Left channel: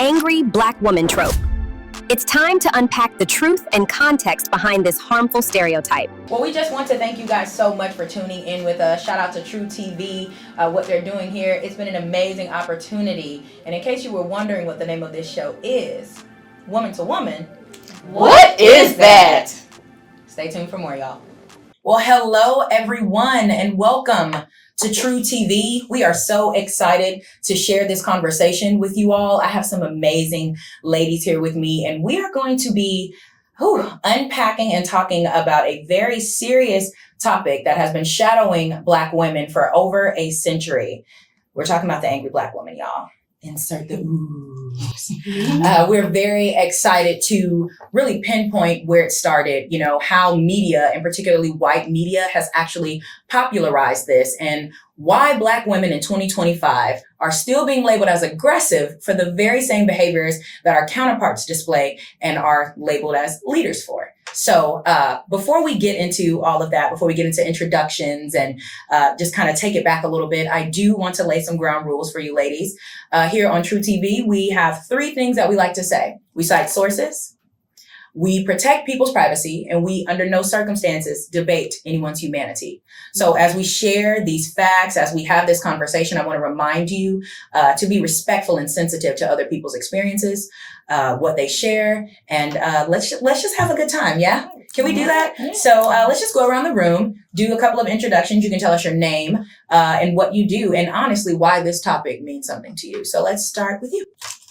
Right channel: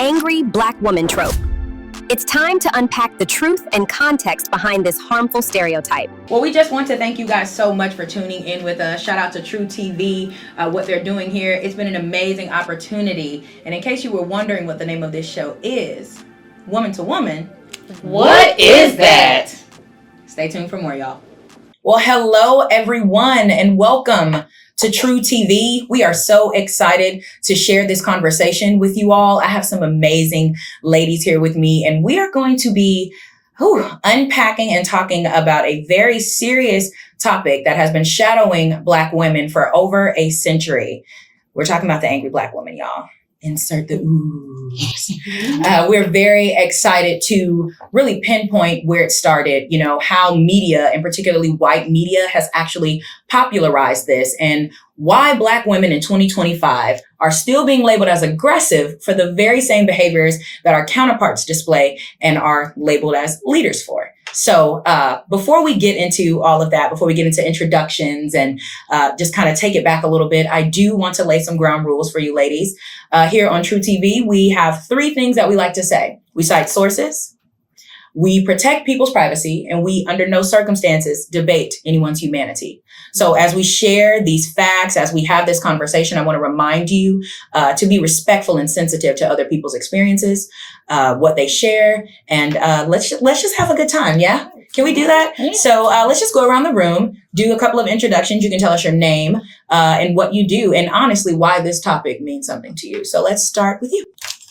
angry Black woman trope. It's time to unpack the truth and context behind this harmful stereotype. Well, we just want to thank you guys so much for tuning in with us. Shout out to True TV, what they're doing here. It's been an amazing opportunity. And in case you were wondering what the name of this show is, Woman to Woman, what is that? Stay tuned for more, y'all. Well, hello, everyone, and welcome to True TV. We are so excited to share this conversation with you all. I have some amazing ladies here with me, and we are going to be unpacking and talking about a very serious topic that has been shadowing Black women for over a century. We're talking about the angry Black woman, y'all. Insert the oohs. We're very excited to really pinpoint where it started, how media, and particularly white media, has actually popularized this, and why Black women in 2025 are still being labeled as aggressive for the very same behaviors that our counterparts display and are labeled as leaders for. So before we get into all of that, before we get into introductions and just kind of take it back a little bit, I do want to lay some ground rules for you ladies. Here on True TV, we have 3 things that we like to say. We cite sources, we protect people's privacy, and we, under no circumstances, debate anyone's humanity. So as we share these facts, as we have this conversation, I want to remind you to be respectful and sensitive to other people's experiences, what they share, and let's just have a good time, yeah? Can we do that? Yeah. So let's just go around the room, do a couple of introductions. You can tell us your name and what you do, and honestly, why this topic means something to you. So let's start with you.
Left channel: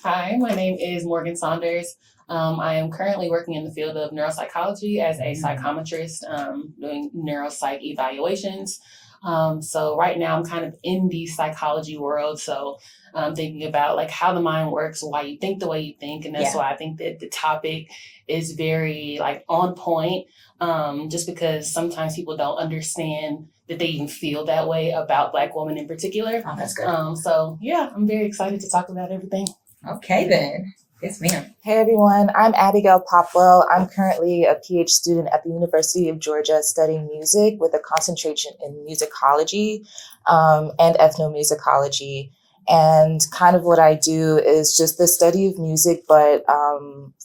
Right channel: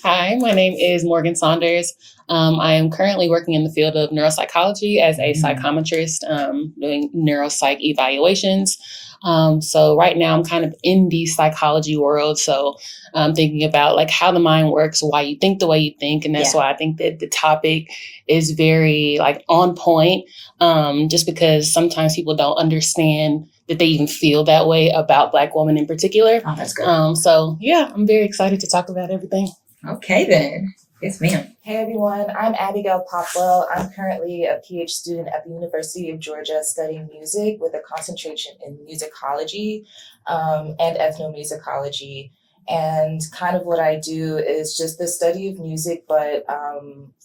Hi, my name is Morgan Saunders. I am currently working in the field of neuropsychology as a psychometrist, doing neuropsych evaluations. So right now I'm kind of in the psychology world. So I'm thinking about like how the mind works, why you think the way you think. And that's why I think that the topic is very like on point, just because sometimes people don't understand that they even feel that way about Black women in particular. Oh, that's good. So yeah, I'm very excited to talk about everything. Okay, then. Yes, ma'am. Hey, everyone. I'm Abigail Popwell. I'm currently a PhD student at the University of Georgia studying music with a concentration in musicology and ethnomusicology. And kind of what I do is just the study of music, but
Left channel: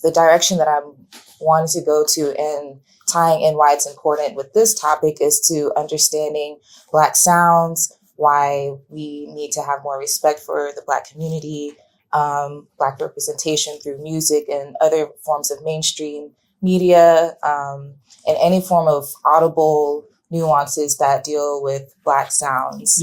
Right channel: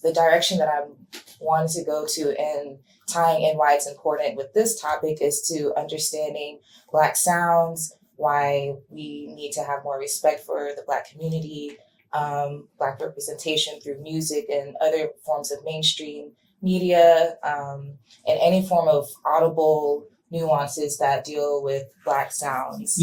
the direction that I'm wanting to go to and tying in why it's important with this topic is to understanding Black sounds, why we need to have more respect for the Black community, Black representation through music and other forms of mainstream media, and any form of audible nuances that deal with Black sounds,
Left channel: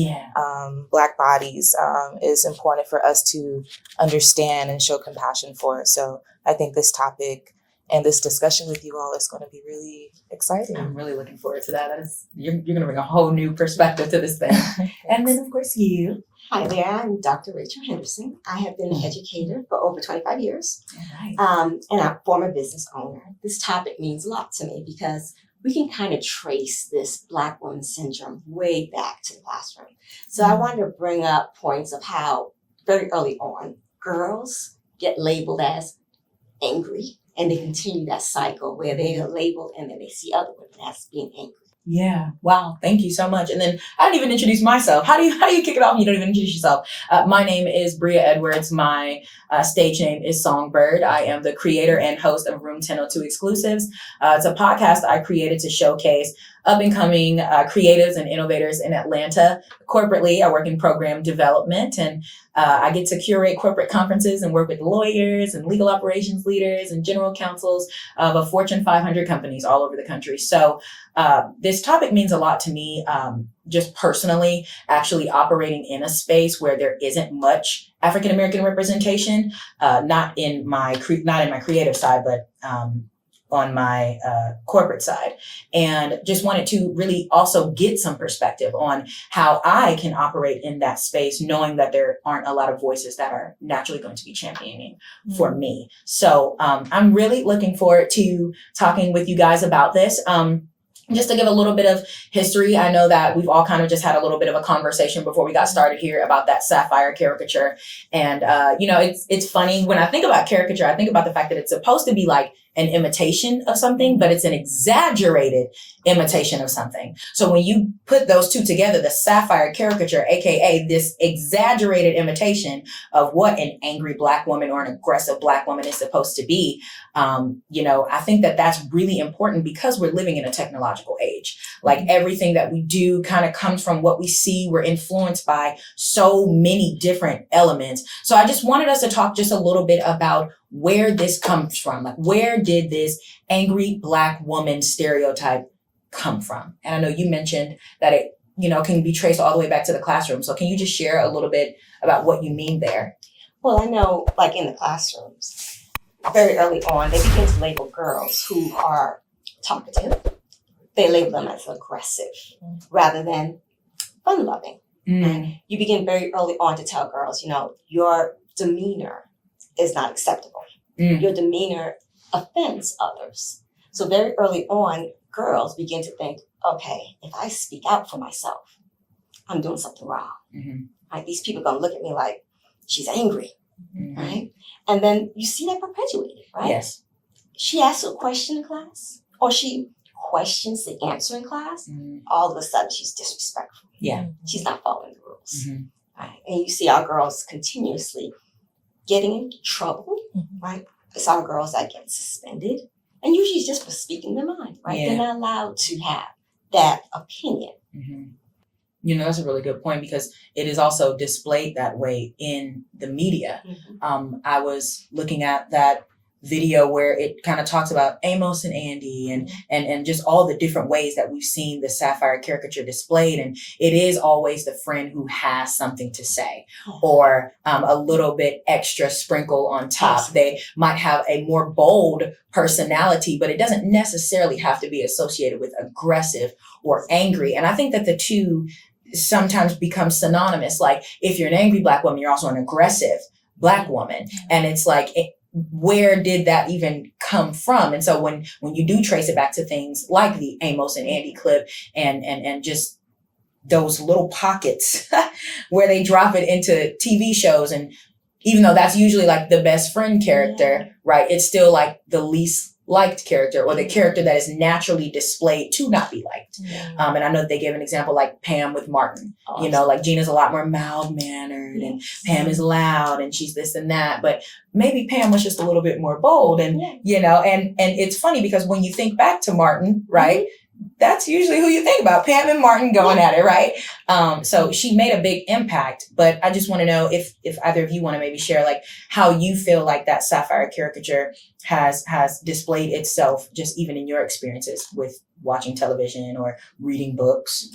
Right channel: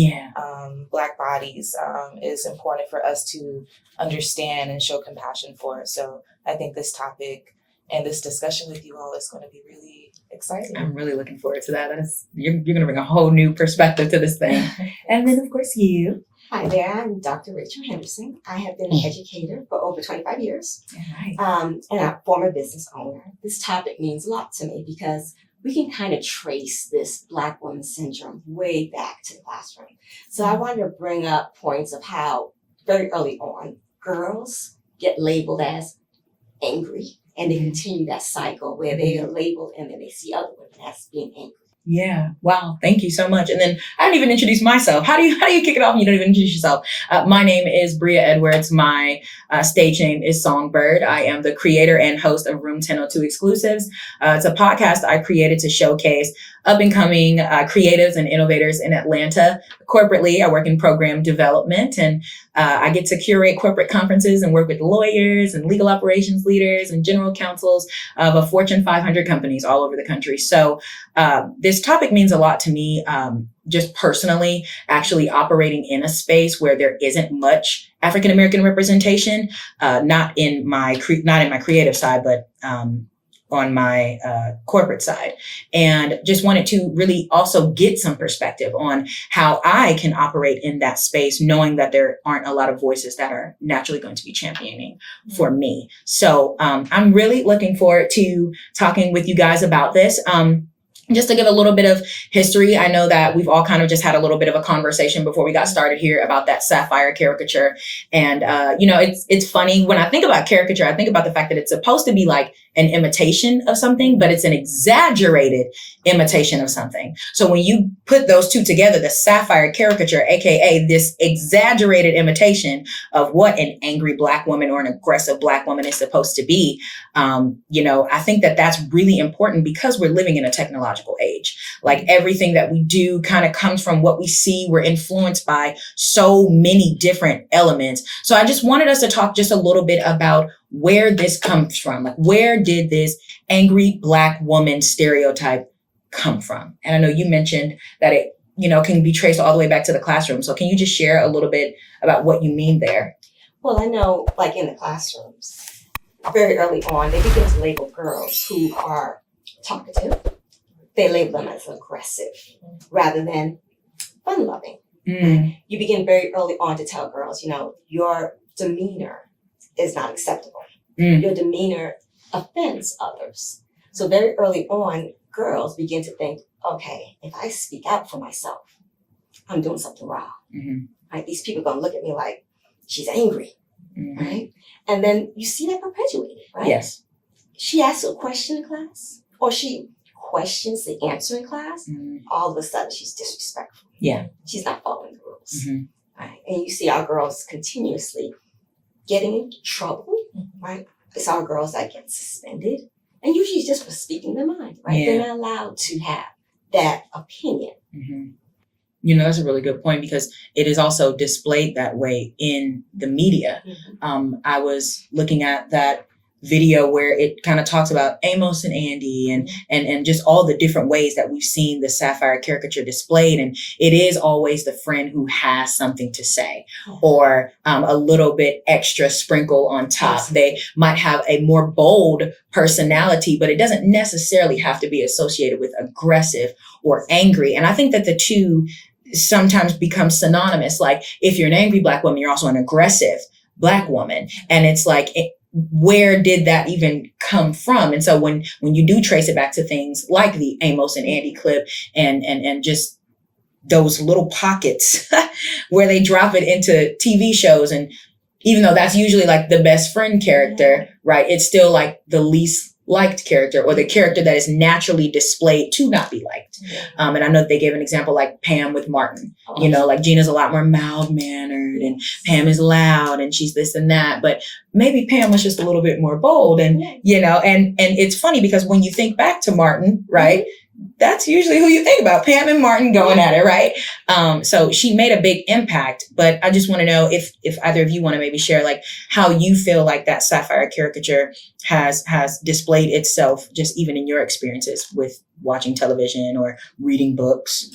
Black bodies, is important for us to understand and show compassion for. So I think this topic and this discussion with you all is going to be really exciting. I'm really looking forward to that. You're going to bring a whole new perspective to this thing. And then, of course, you. Hi there, I'm Dr. Rachel Henderson. I have been an educator for over 25 years, Right. And I'm a former business owner. This topic means a lot to me because we can kind of trace this Black woman syndrome way back to the classroom. So I wanted to bring up points of how very early on, girls get labeled as angry, and they continue that cycle where they are labeled and then they see other women as being angry. Yeah. Wow. Thank you so much. And then I didn't even introduce myself. How do you kick it off and you don't even introduce yourself? My name is Bria Edwards. My stage name is Songbird. I am the creator and host of Room 1002 Exclusives. It's a podcast I created to showcase up-and-coming creatives and innovators in Atlanta. Corporately, I work in program development, and I get to curate corporate conferences and work with lawyers and legal operations leaders and general counsels of a Fortune 500 companies all over the country. So this topic means a lot to me, just personally, actually operating in a space where there isn't much African-American representation, not in my creative side, but on my corporate side, and just wanted to really also get some perspective on how I can operate in that space, knowing that there aren't a lot of voices that are naturally going to be championing for me. So I'm really looking forward to talking with you guys about this. Just to give a little bit of history, I know that we've all kind of just had a little bit of a conversation before we got started here about that Sapphire caricature. And, it's funny when I think about caricature, I think about the fact that it's supposed to be like an imitation of something, but it's an exaggerated imitation of something. So when you put those two together, the sapphire caricature, aka this exaggerated imitation of what an angry Black woman or an aggressive Black woman is supposed to be, I think that that's really important because we're living in a technological age. Like everything that we do kind of comes from what we see. We're influenced by so many different elements. So I just wanted us to talk just a little bit about where this comes from. Like, where did this angry Black woman stereotype come from? And I know you mentioned that it, can be traced all the way back to the classroom. So can you just share a little bit about what you mean there? Well, I know, like in the classrooms, very early on, they begin to label girls who are talkative. They label them as aggressive rather than fun-loving. You begin very early on to tell girls, your demeanor is not acceptable. Your demeanor offends others. So very early on, girls begin to think, okay, if I speak out for myself, I'm doing something wrong. Right? These people are going to look at me like she's angry, right? And then you see that perpetuated, right? Yes. She asks a question in class, or she questions the answer in class. All of a sudden, she's disrespectful. Yeah. She's not following the rules. Right? And you see our girls continuously getting into trouble, right? It's our girls that get suspended, and usually just for speaking their mind, right? They're not allowed to have that opinion. That's a really good point because it is also displayed that way in the media. I was looking at that video where it kind of talks about Amos and Andy and just all the different ways that we've seen the sapphire caricature displayed. And it is always the friend who has something to say or a little bit extra sprinkle on top. They might have a more bold personality, but it doesn't necessarily have to be associated with aggressive or angry. And I think that the two sometimes become synonymous. Like if you're an angry Black woman, you're also an aggressive Black woman. And it's like, where did that even come from? And so when you do trace it back to things like the Amos and Andy clip and just those little pockets where they drop it into TV shows, and even though that's usually like the best friend character, right? It's still like the least liked character or the character that is naturally displayed to not be liked. And I know they gave an example like Pam with Martin, like Gina's a lot more mild mannered and Pam is loud and she's this and that, but maybe Pam was just a little bit more bold and it's funny because when you think back to Martin, right? That's usually who you think about, Pam and Martin going at it, right? So she made a big impact, but I just want to know if either of you want to maybe share like how you feel like that sapphire caricature has displayed itself, just even in your experiences with watching television or reading books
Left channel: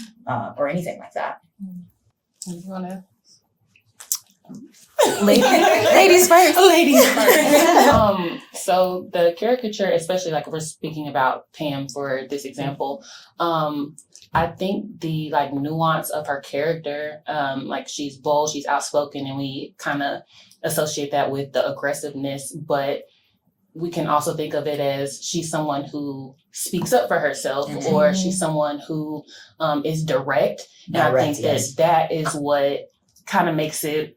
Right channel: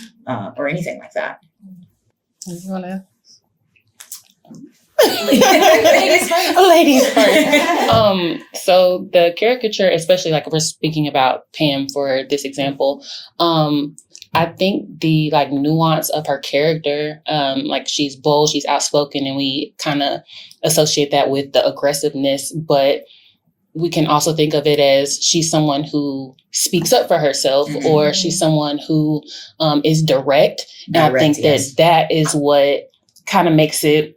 or anything like that. You want to? Ladies first. So the caricature, especially like if we're speaking about Pam for this example, I think the like nuance of her character, like she's bold, she's outspoken, and we kind of associate that with the aggressiveness, but we can also think of it as she's someone who speaks up for herself, or she's someone who is direct. And I think that is what kind of makes it.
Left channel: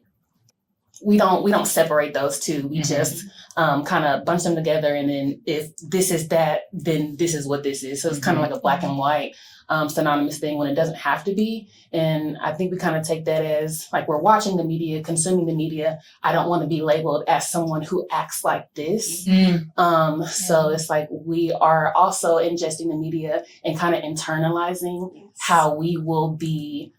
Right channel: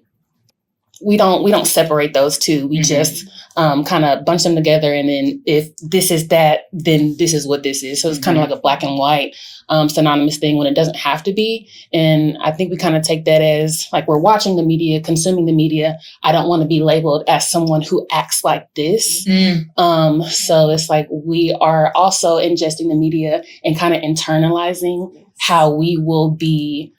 We don't separate those two. We just kind of bunch them together. And then if this is that, then this is what this is. So it's kind of like a black and white synonymous thing when it doesn't have to be. And I think we kind of take that as like we're watching the media, consuming the media. I don't want to be labeled as someone who acts like this. So it's like we are also ingesting the media and kind of internalizing how we will be,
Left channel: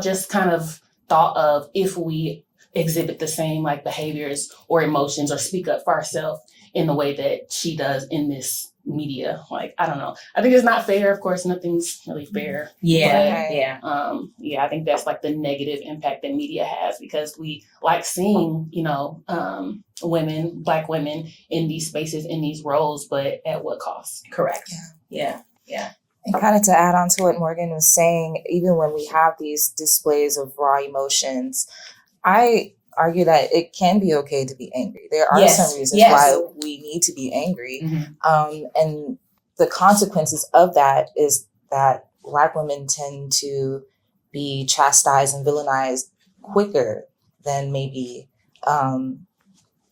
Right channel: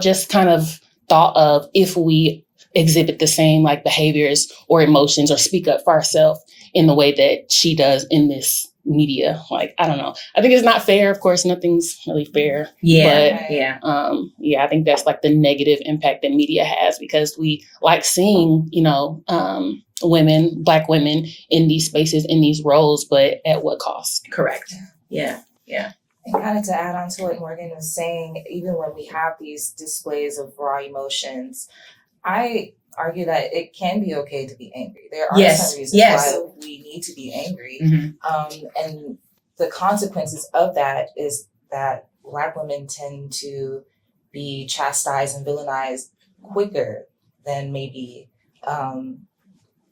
just kind of thought of if we exhibit the same like behaviors or emotions or speak up for ourselves in the way that she does in this media. Like, I don't know. I think it's not fair. Of course, nothing's really fair. I think that's like the negative impact that media has because we like seeing, women, Black women in these spaces, in these roles, but at what cost? Correct. Yeah. And kind of to add on to what Morgan was saying, even when we have these displays of raw emotions, I argue that it can be okay to be angry. There are some reasons why we need to be angry. And the consequences of that is that Black women tend to be chastised and villainized quicker than maybe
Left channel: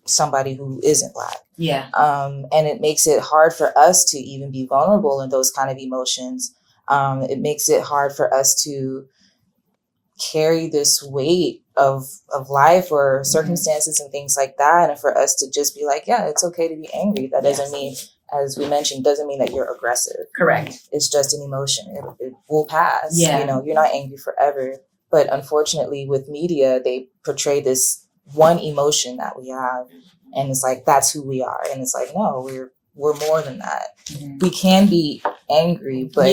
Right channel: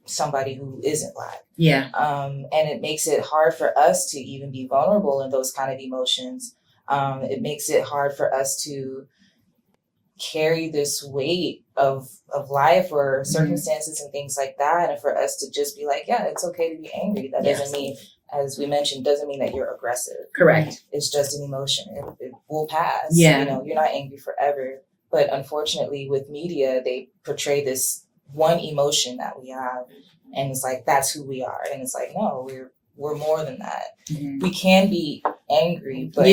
somebody who isn't Black. Yeah. And it makes it hard for us to even be vulnerable in those kind of emotions. It makes it hard for us to carry this weight of life or circumstances and things like that. And for us to just be like, yeah, it's okay to be angry. That doesn't mean, as we mentioned, doesn't mean that you're aggressive. Correct. It's just an emotion. It will pass. Yeah. You know, you're not angry forever. But unfortunately with media, they portray this one emotion that we have. And it's like, that's who we are. And it's like, no, we're more than that. Mm-hmm. We can be angry, but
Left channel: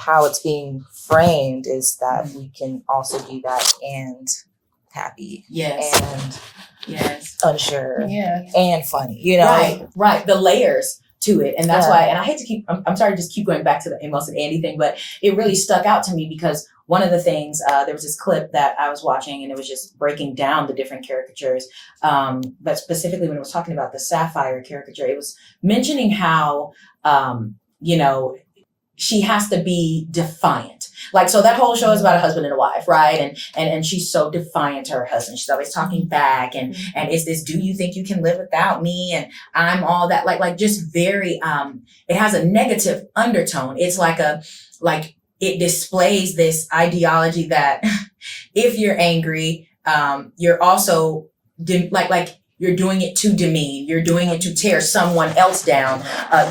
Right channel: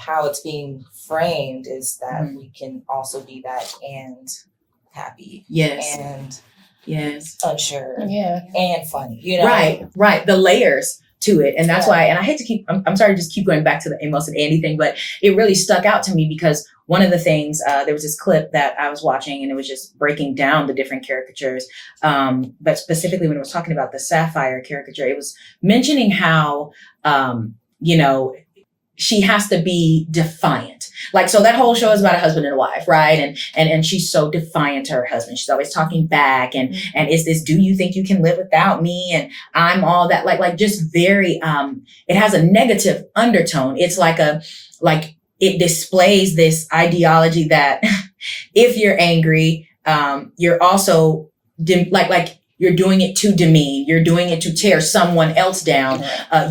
how it's being framed is that we can also be that and happy. Yes. And unsure. Yeah. And funny, you know? Right. The layers to it. And that's why, and I hate to keep, I'm sorry to just keep going back to the Amos and Andy thing, but it really stuck out to me because one of the things, there was this clip that I was watching and it was just breaking down the different caricatures. But specifically when it was talking about the sapphire caricature, it was mentioning how, you know, she has to be defiant. Like, so that whole show is about a husband and a wife, right? And she's so defiant to her husband. She's always talking back and is this, do you think you can live without me? And I'm all that, like just very, it has a negative undertone. It's like it displays this ideology that if you're angry, you're also you're doing it to demean. You're doing it to tear someone else down.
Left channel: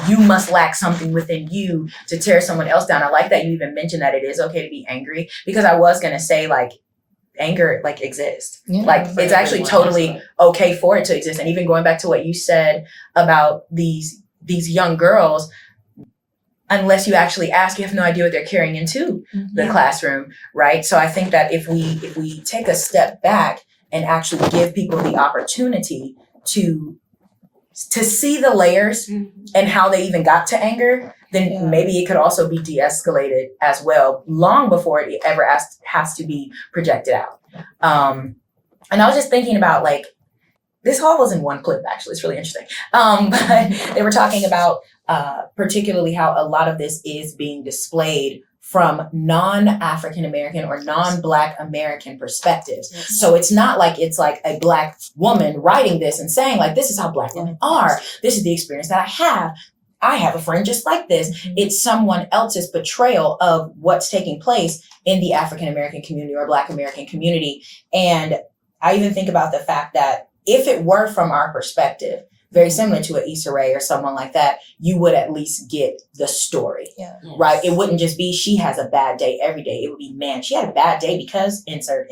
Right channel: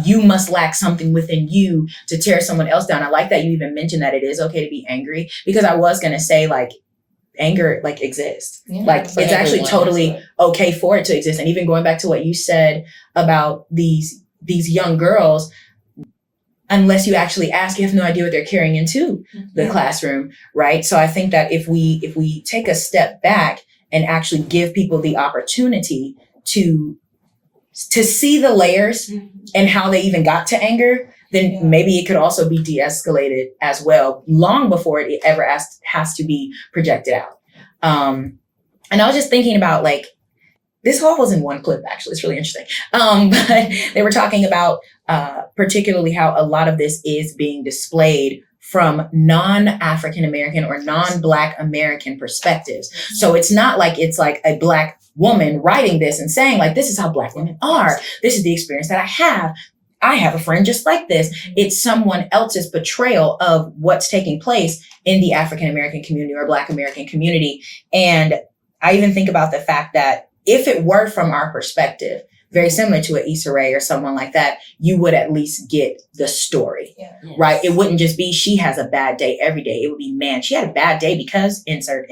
You must lack something within you to tear someone else down. I like that you even mentioned that it is okay to be angry, because I was going to say like anger like exists. Yeah, like it's actually totally okay for it to exist. And even going back to what you said about these young girls, unless you actually ask, you have no idea what they're carrying into the classroom, right? So I think that if we take a step back and actually give people the opportunity to see the layers and how they even got to anger, then maybe it could also be de-escalated as well, long before it ever has to be projected out. And I was just thinking about like, this all was in one clip, actually. It's really interesting. But they were talking about particularly how a lot of this is being displayed from non-African American or non-Black American perspectives. So it's not like it's like a Black woman writing this and saying like, this is how Black women are. This is the experience that I have. I have a friend just like this. It's someone else's portrayal of what's taking place in the African American community or Black American community. And I even think about the fact that if it were from our perspective, very similar to an Issa Rae or someone like that, you would at least get the story, right? It wouldn't just be, she has a bad day every day. It would be, man, she had a bad day because insert.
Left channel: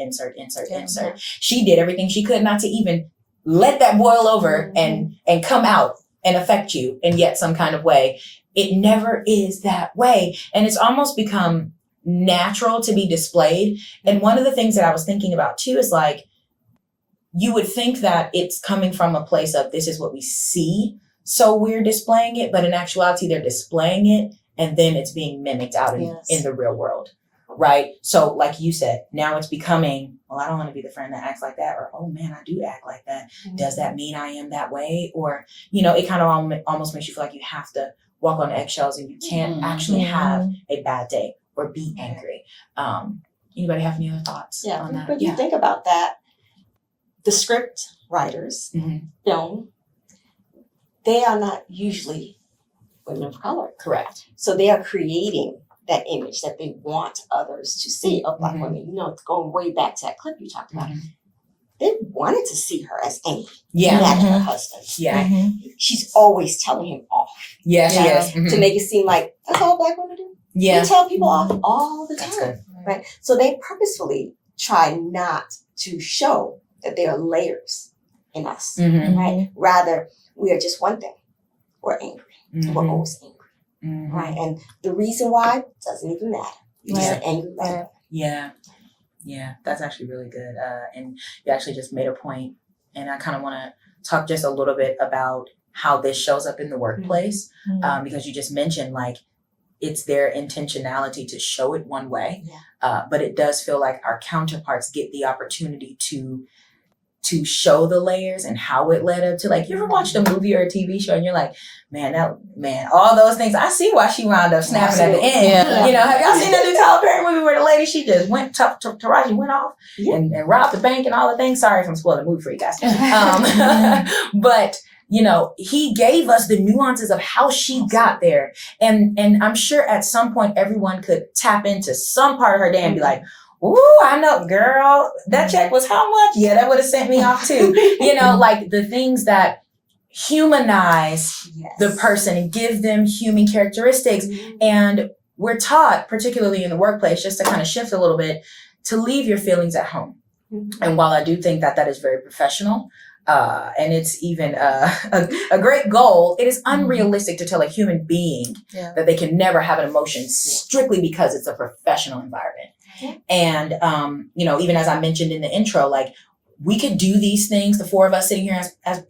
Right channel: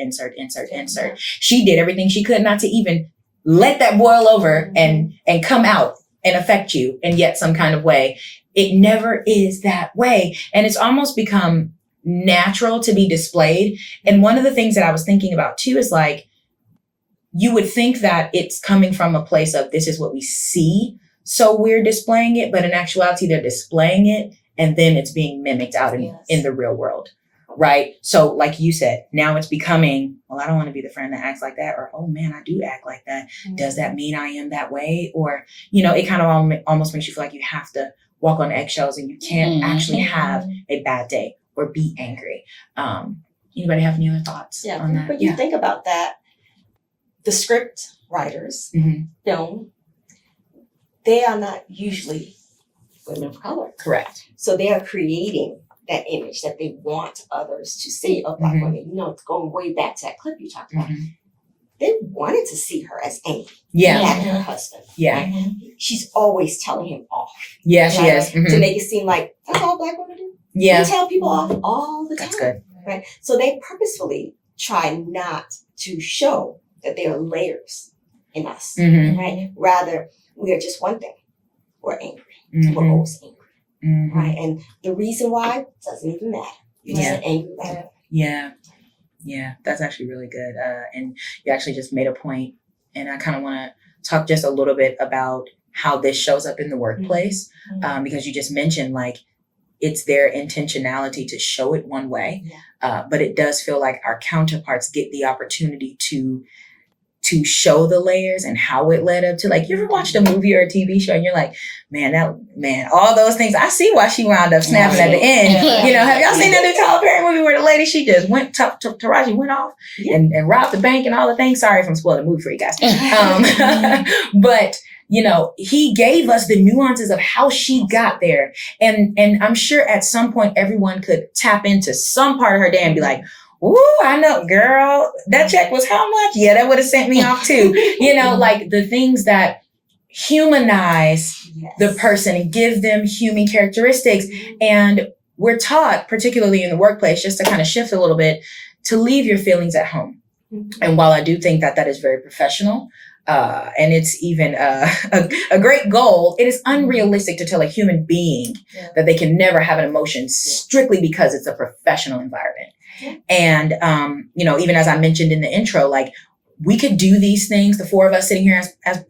She did everything she could not to even let that boil over and come out and affect you in yet some kind of way. It never is that way. And it's almost become natural to be displayed. And one of the things that I was thinking about too is like, you would think that it's coming from a place of this is what we see, so we're displaying it, but in actuality, they're displaying it and then it's being mimicked out in the real world, right? So like you said, now it's becoming, well, I don't want to be the friend that acts like that, or, oh man, I do act like that. Does that mean I am that way? Or, you know, it kind of almost makes you feel like you have to walk on eggshells and you can't actually have a bad day or be angry. Anybody have any other thoughts on that? But you think about that, the script writers, film, they are not usually women of color. Correct. So they are creating that image that they want others to see of Black women. You know, going way back to that clip you talked about. They wanted to see her as angry at her husband. She's always telling him off. Yeah, she is. To make it seem like that's all Black women do. Yeah. They tell people off all the time. That's good. Right. So they purposefully try not to show that there are layers in us, right? Rather, we are just one thing. We're angry. We're always angry, right? And the reason why doesn't even matter. You're just angry. Right? Yeah, that's actually really good. And you actually just made a point, and I kind of want to talk just a little bit about how this shows up in the workplace, because you just mentioned like it's their intentionality to show it one way, but it does feel like our counterparts get the opportunity to to show the layers and how it led up to, like, you ever watched a movie or a TV show and you're like, man, all those things, I see why she wound up snapping at the end. Yeah. You know, have y'all seen that new Tyler Perry movie where the lady, she just went, Taraji went off and robbed the bank and all the things? Sorry if I'm spoiling the movie for you guys. But, you know, he gave us the nuances of how she got there. And I'm sure at some point everyone could tap into some part of her day and be like, ooh, I know, girl, that check was how much? Yeah, that would have sent me off too. You know, like the things that humanize the person and give them human characteristics. And we're taught, particularly in the workplace, just to kind of shift a little bit, to leave your feelings at home. And while I do think that that is very professional, and it's even a great goal, it is unrealistic to tell a human being that they can never have an emotion strictly because it's a professional environment. And, you know, even as I mentioned in the intro, like, we could do these things, the four of us sitting here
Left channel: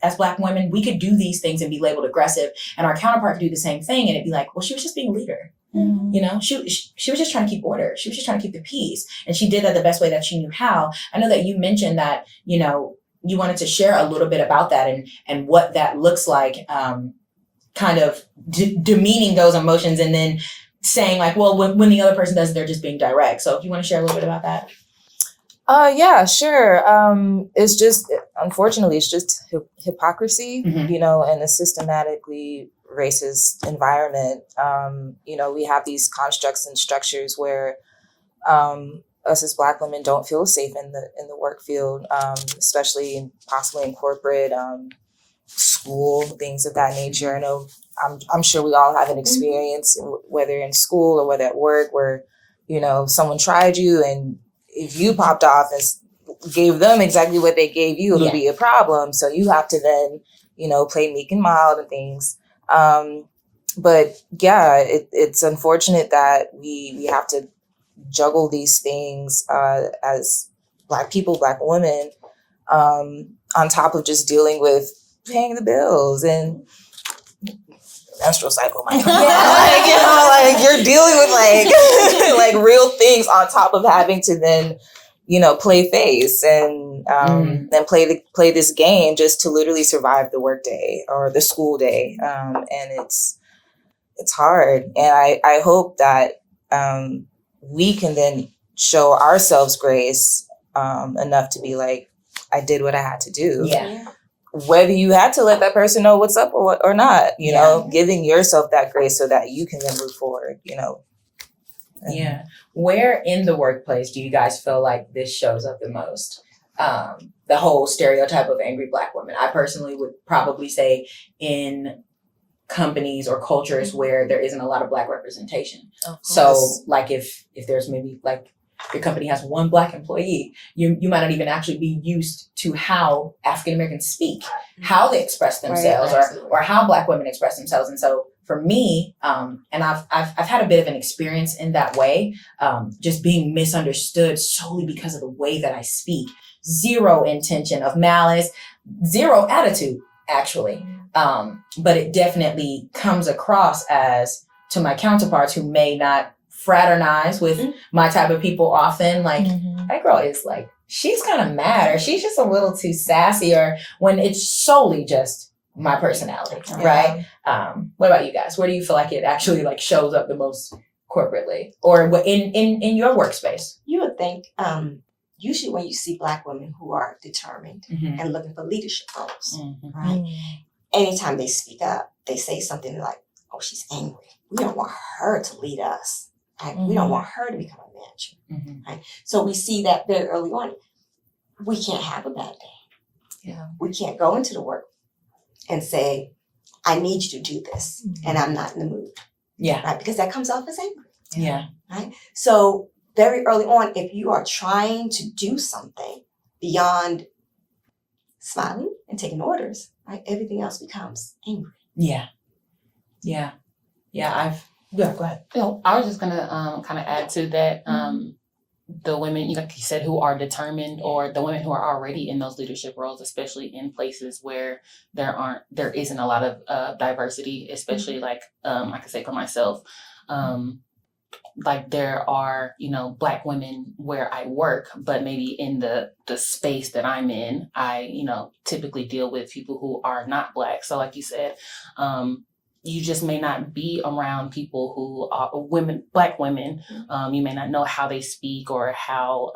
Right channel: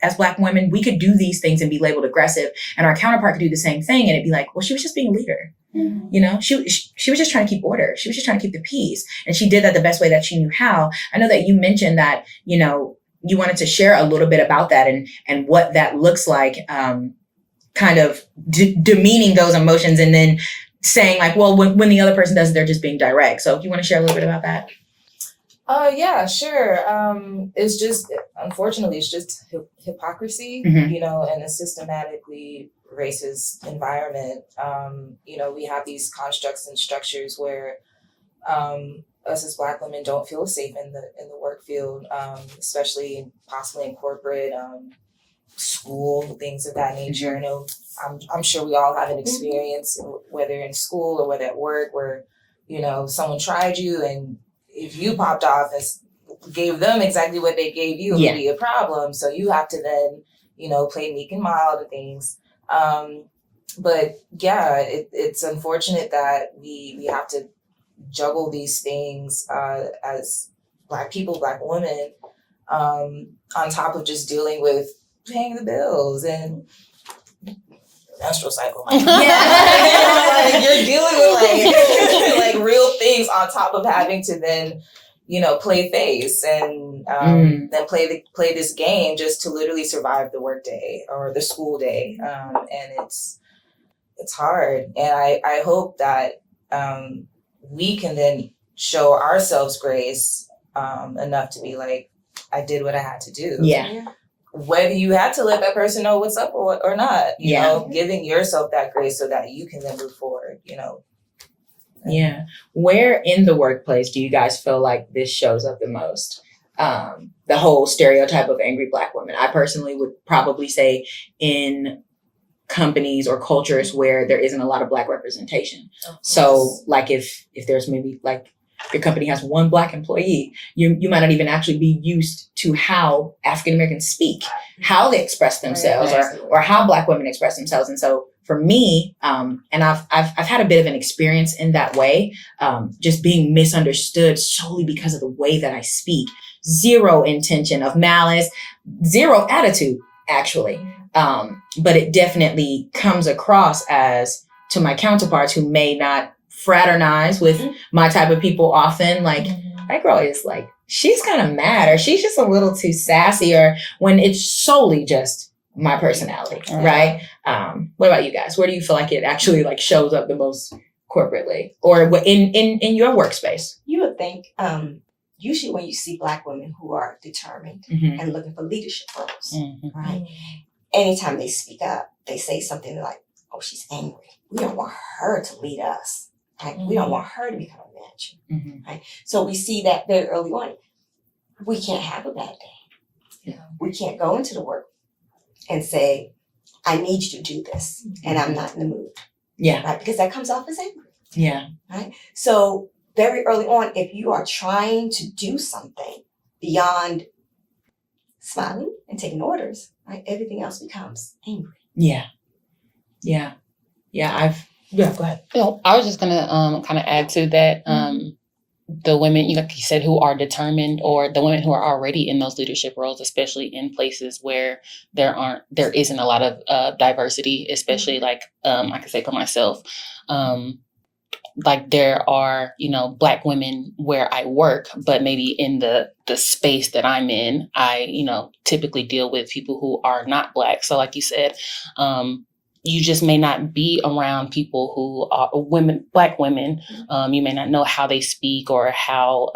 as Black women, we could do these things and be labeled aggressive, and our counterpart could do the same thing, and it'd be like, well, she was just being a leader. You know, she was just trying to keep order. She was just trying to keep the peace. And she did that the best way that she knew how. I know that you mentioned that, you know, you wanted to share a little bit about that and what that looks like, kind of demeaning those emotions and then saying like, well, when the other person does it, they're just being direct. So if you want to share a little bit about that. Yeah, sure. It's just, unfortunately, it's just hypocrisy, you know, in a systematically racist environment. You know, we have these constructs and structures where us as Black women don't feel safe in the work field, especially possibly in corporate, school, things of that nature. I know I'm sure we all have an experience, whether in school or whether at work, where, you know, someone tried you, and if you popped off and gave them exactly what they gave you, it would be a problem. So you have to then, you know, play meek and mild and things. But yeah, it's unfortunate that we have to juggle these things as Black people, Black women, on top of just dealing with paying the bills and menstrual cycle. You know, like, you're dealing with like real things on top of having to then, you know, play face and then play this game just to literally survive the workday or the school day. And it's hard. And I hope that we can then show ourselves grace enough to be like, I did what I had to do. Yeah. Whether you had to let that person know what's up or not, you know, giving yourself that grace so that you can then move forward, you know. Yeah. Where in the workplace do you guys feel like this shows up the most? The whole stereotype of angry Black women. I personally would probably say in companies or cultures where there isn't a lot of Black representation. So like if there's maybe like your company has one Black employee, you might not even actually be used to how African Americans speak, how they express themselves, or how Black women express themselves. And so for me, and I've had a bit of an experience in that way, just being misunderstood solely because of the way that I speak. Zero intention of malice, zero attitude, actually. But it definitely comes across as, to my counterparts who may not fraternize with my type of people often, like, that girl is like, she's kind of mad, or she's just a little too sassy, or when it's solely just my personality, right? What about you guys? Where do you feel like it actually like shows up the most corporately or in your workspace? You would think, usually when you see Black women who are determined and looking for leadership roles, right? Anytime they speak up, they say something like, oh, she's angry. We don't want her to lead us. Right? We don't want her to become a manager. Right? So we see that very early on. We can't have a bad day. We can't go into the work and say, I need you to do this, and I'm not in the mood. Right? Because that comes off as angry. Right? So very early on, if you are trying to do something beyond smiling and taking orders, right, everything else becomes angry. Go ahead. Well, I was just gonna kind of add to that. The women, like you said, who are determined, or the women who are already in those leadership roles, especially in places where there isn't a lot of diversity, especially like I can say for myself, like there are, Black women where I work, but maybe in the space that I'm in, I, typically deal with people who are not Black. So like you said, you just may not be around people who are Black women. You may not know how they speak or how,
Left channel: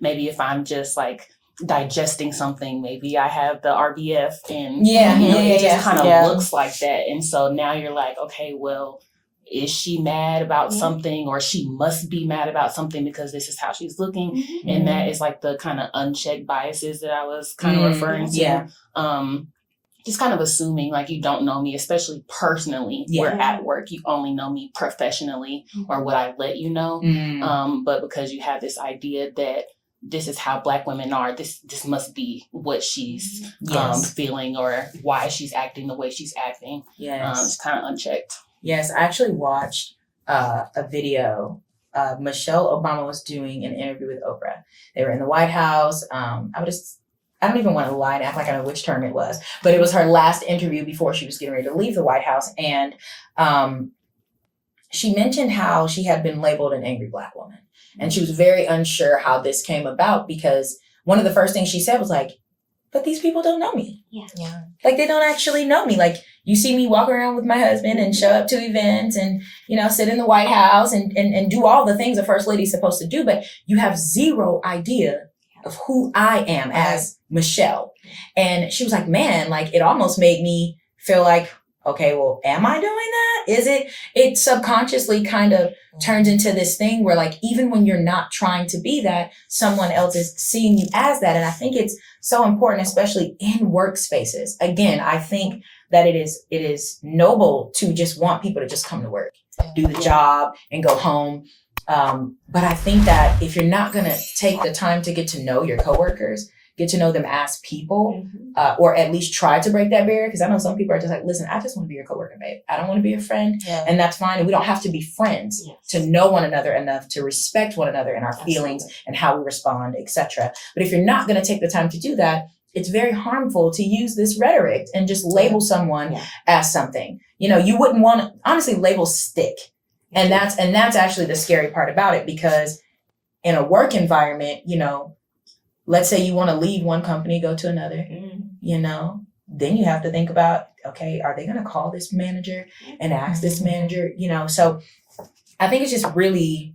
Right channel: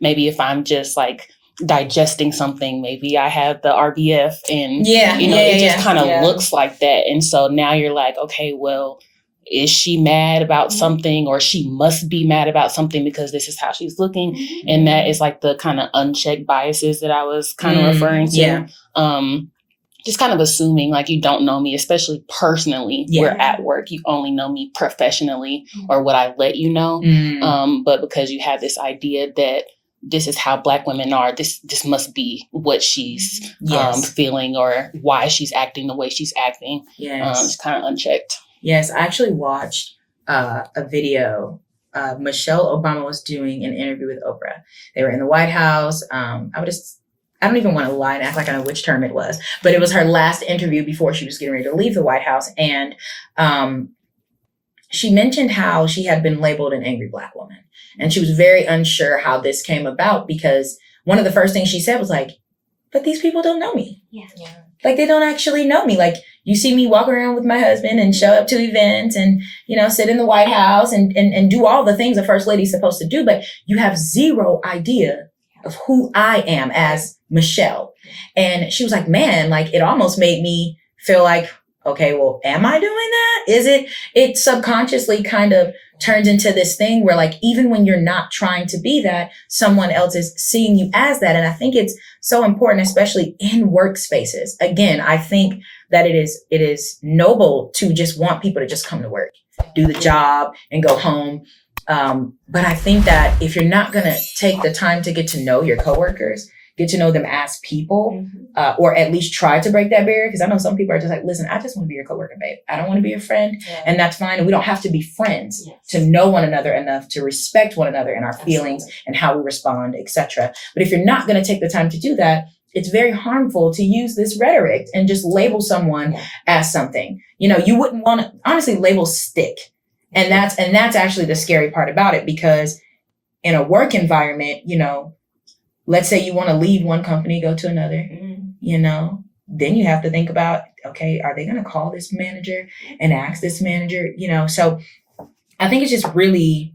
maybe if I'm just like digesting something, maybe I have the RBF and, it just kind of looks like that. And so now you're like, okay, well, is she mad about something, or she must be mad about something because this is how she's looking? Mm-hmm. And that is like the kind of unchecked biases that I was kind of referring to. Yeah. Just kind of assuming like you don't know me, especially personally. Yeah. We're at work. You only know me professionally or what I let you know. But because you have this idea that this is how Black women are, this must be what she's feeling or why she's acting the way she's acting. Yes. It's kind of unchecked. Yes, I actually watched a video. Michelle Obama was doing an interview with Oprah. They were in the White House. I don't even want to lie and act like I know which term it was, but it was her last interview before she was getting ready to leave the White House. And she mentioned how she had been labeled an angry Black woman. And she was very unsure how this came about, because one of the first things she said was like, but these people don't know me. Yeah. Like, they don't actually know me. Like, you see me walk around with my husband and show up to events and, sit in the White House and do all the things a first lady's supposed to do, but you have zero idea of who I am as Michelle. And she was like, man, like, it almost made me feel like, okay, well, am I doing that? Is it subconsciously kind of turns into this thing where, like, even when you're not trying to be that, someone else is seeing you as that. And I think it's so important, especially in workspaces. Again, I think that it is noble to just want people to just come to work, do the job and go home. But I think that if you're not going to take the time to get to know your coworkers, get to know them as people, or at least try to break that barrier. Because I know some people are just like, listen, I just want to be your coworker, babe. I don't want to be your friend. Yeah. And that's fine. And we don't have to be friends to know one another enough to respect one another and our feelings and how we respond, etc. But if you're not going to take the time to do that, it's very harmful to use this rhetoric and just label someone as something. You wouldn't want to, honestly, labels stick. And that's actually the scary part about it, because in a work environment, let's say you want to leave one company, go to another, then you have to think about, okay, are they going to call this manager and ask this manager, So I think it's just really,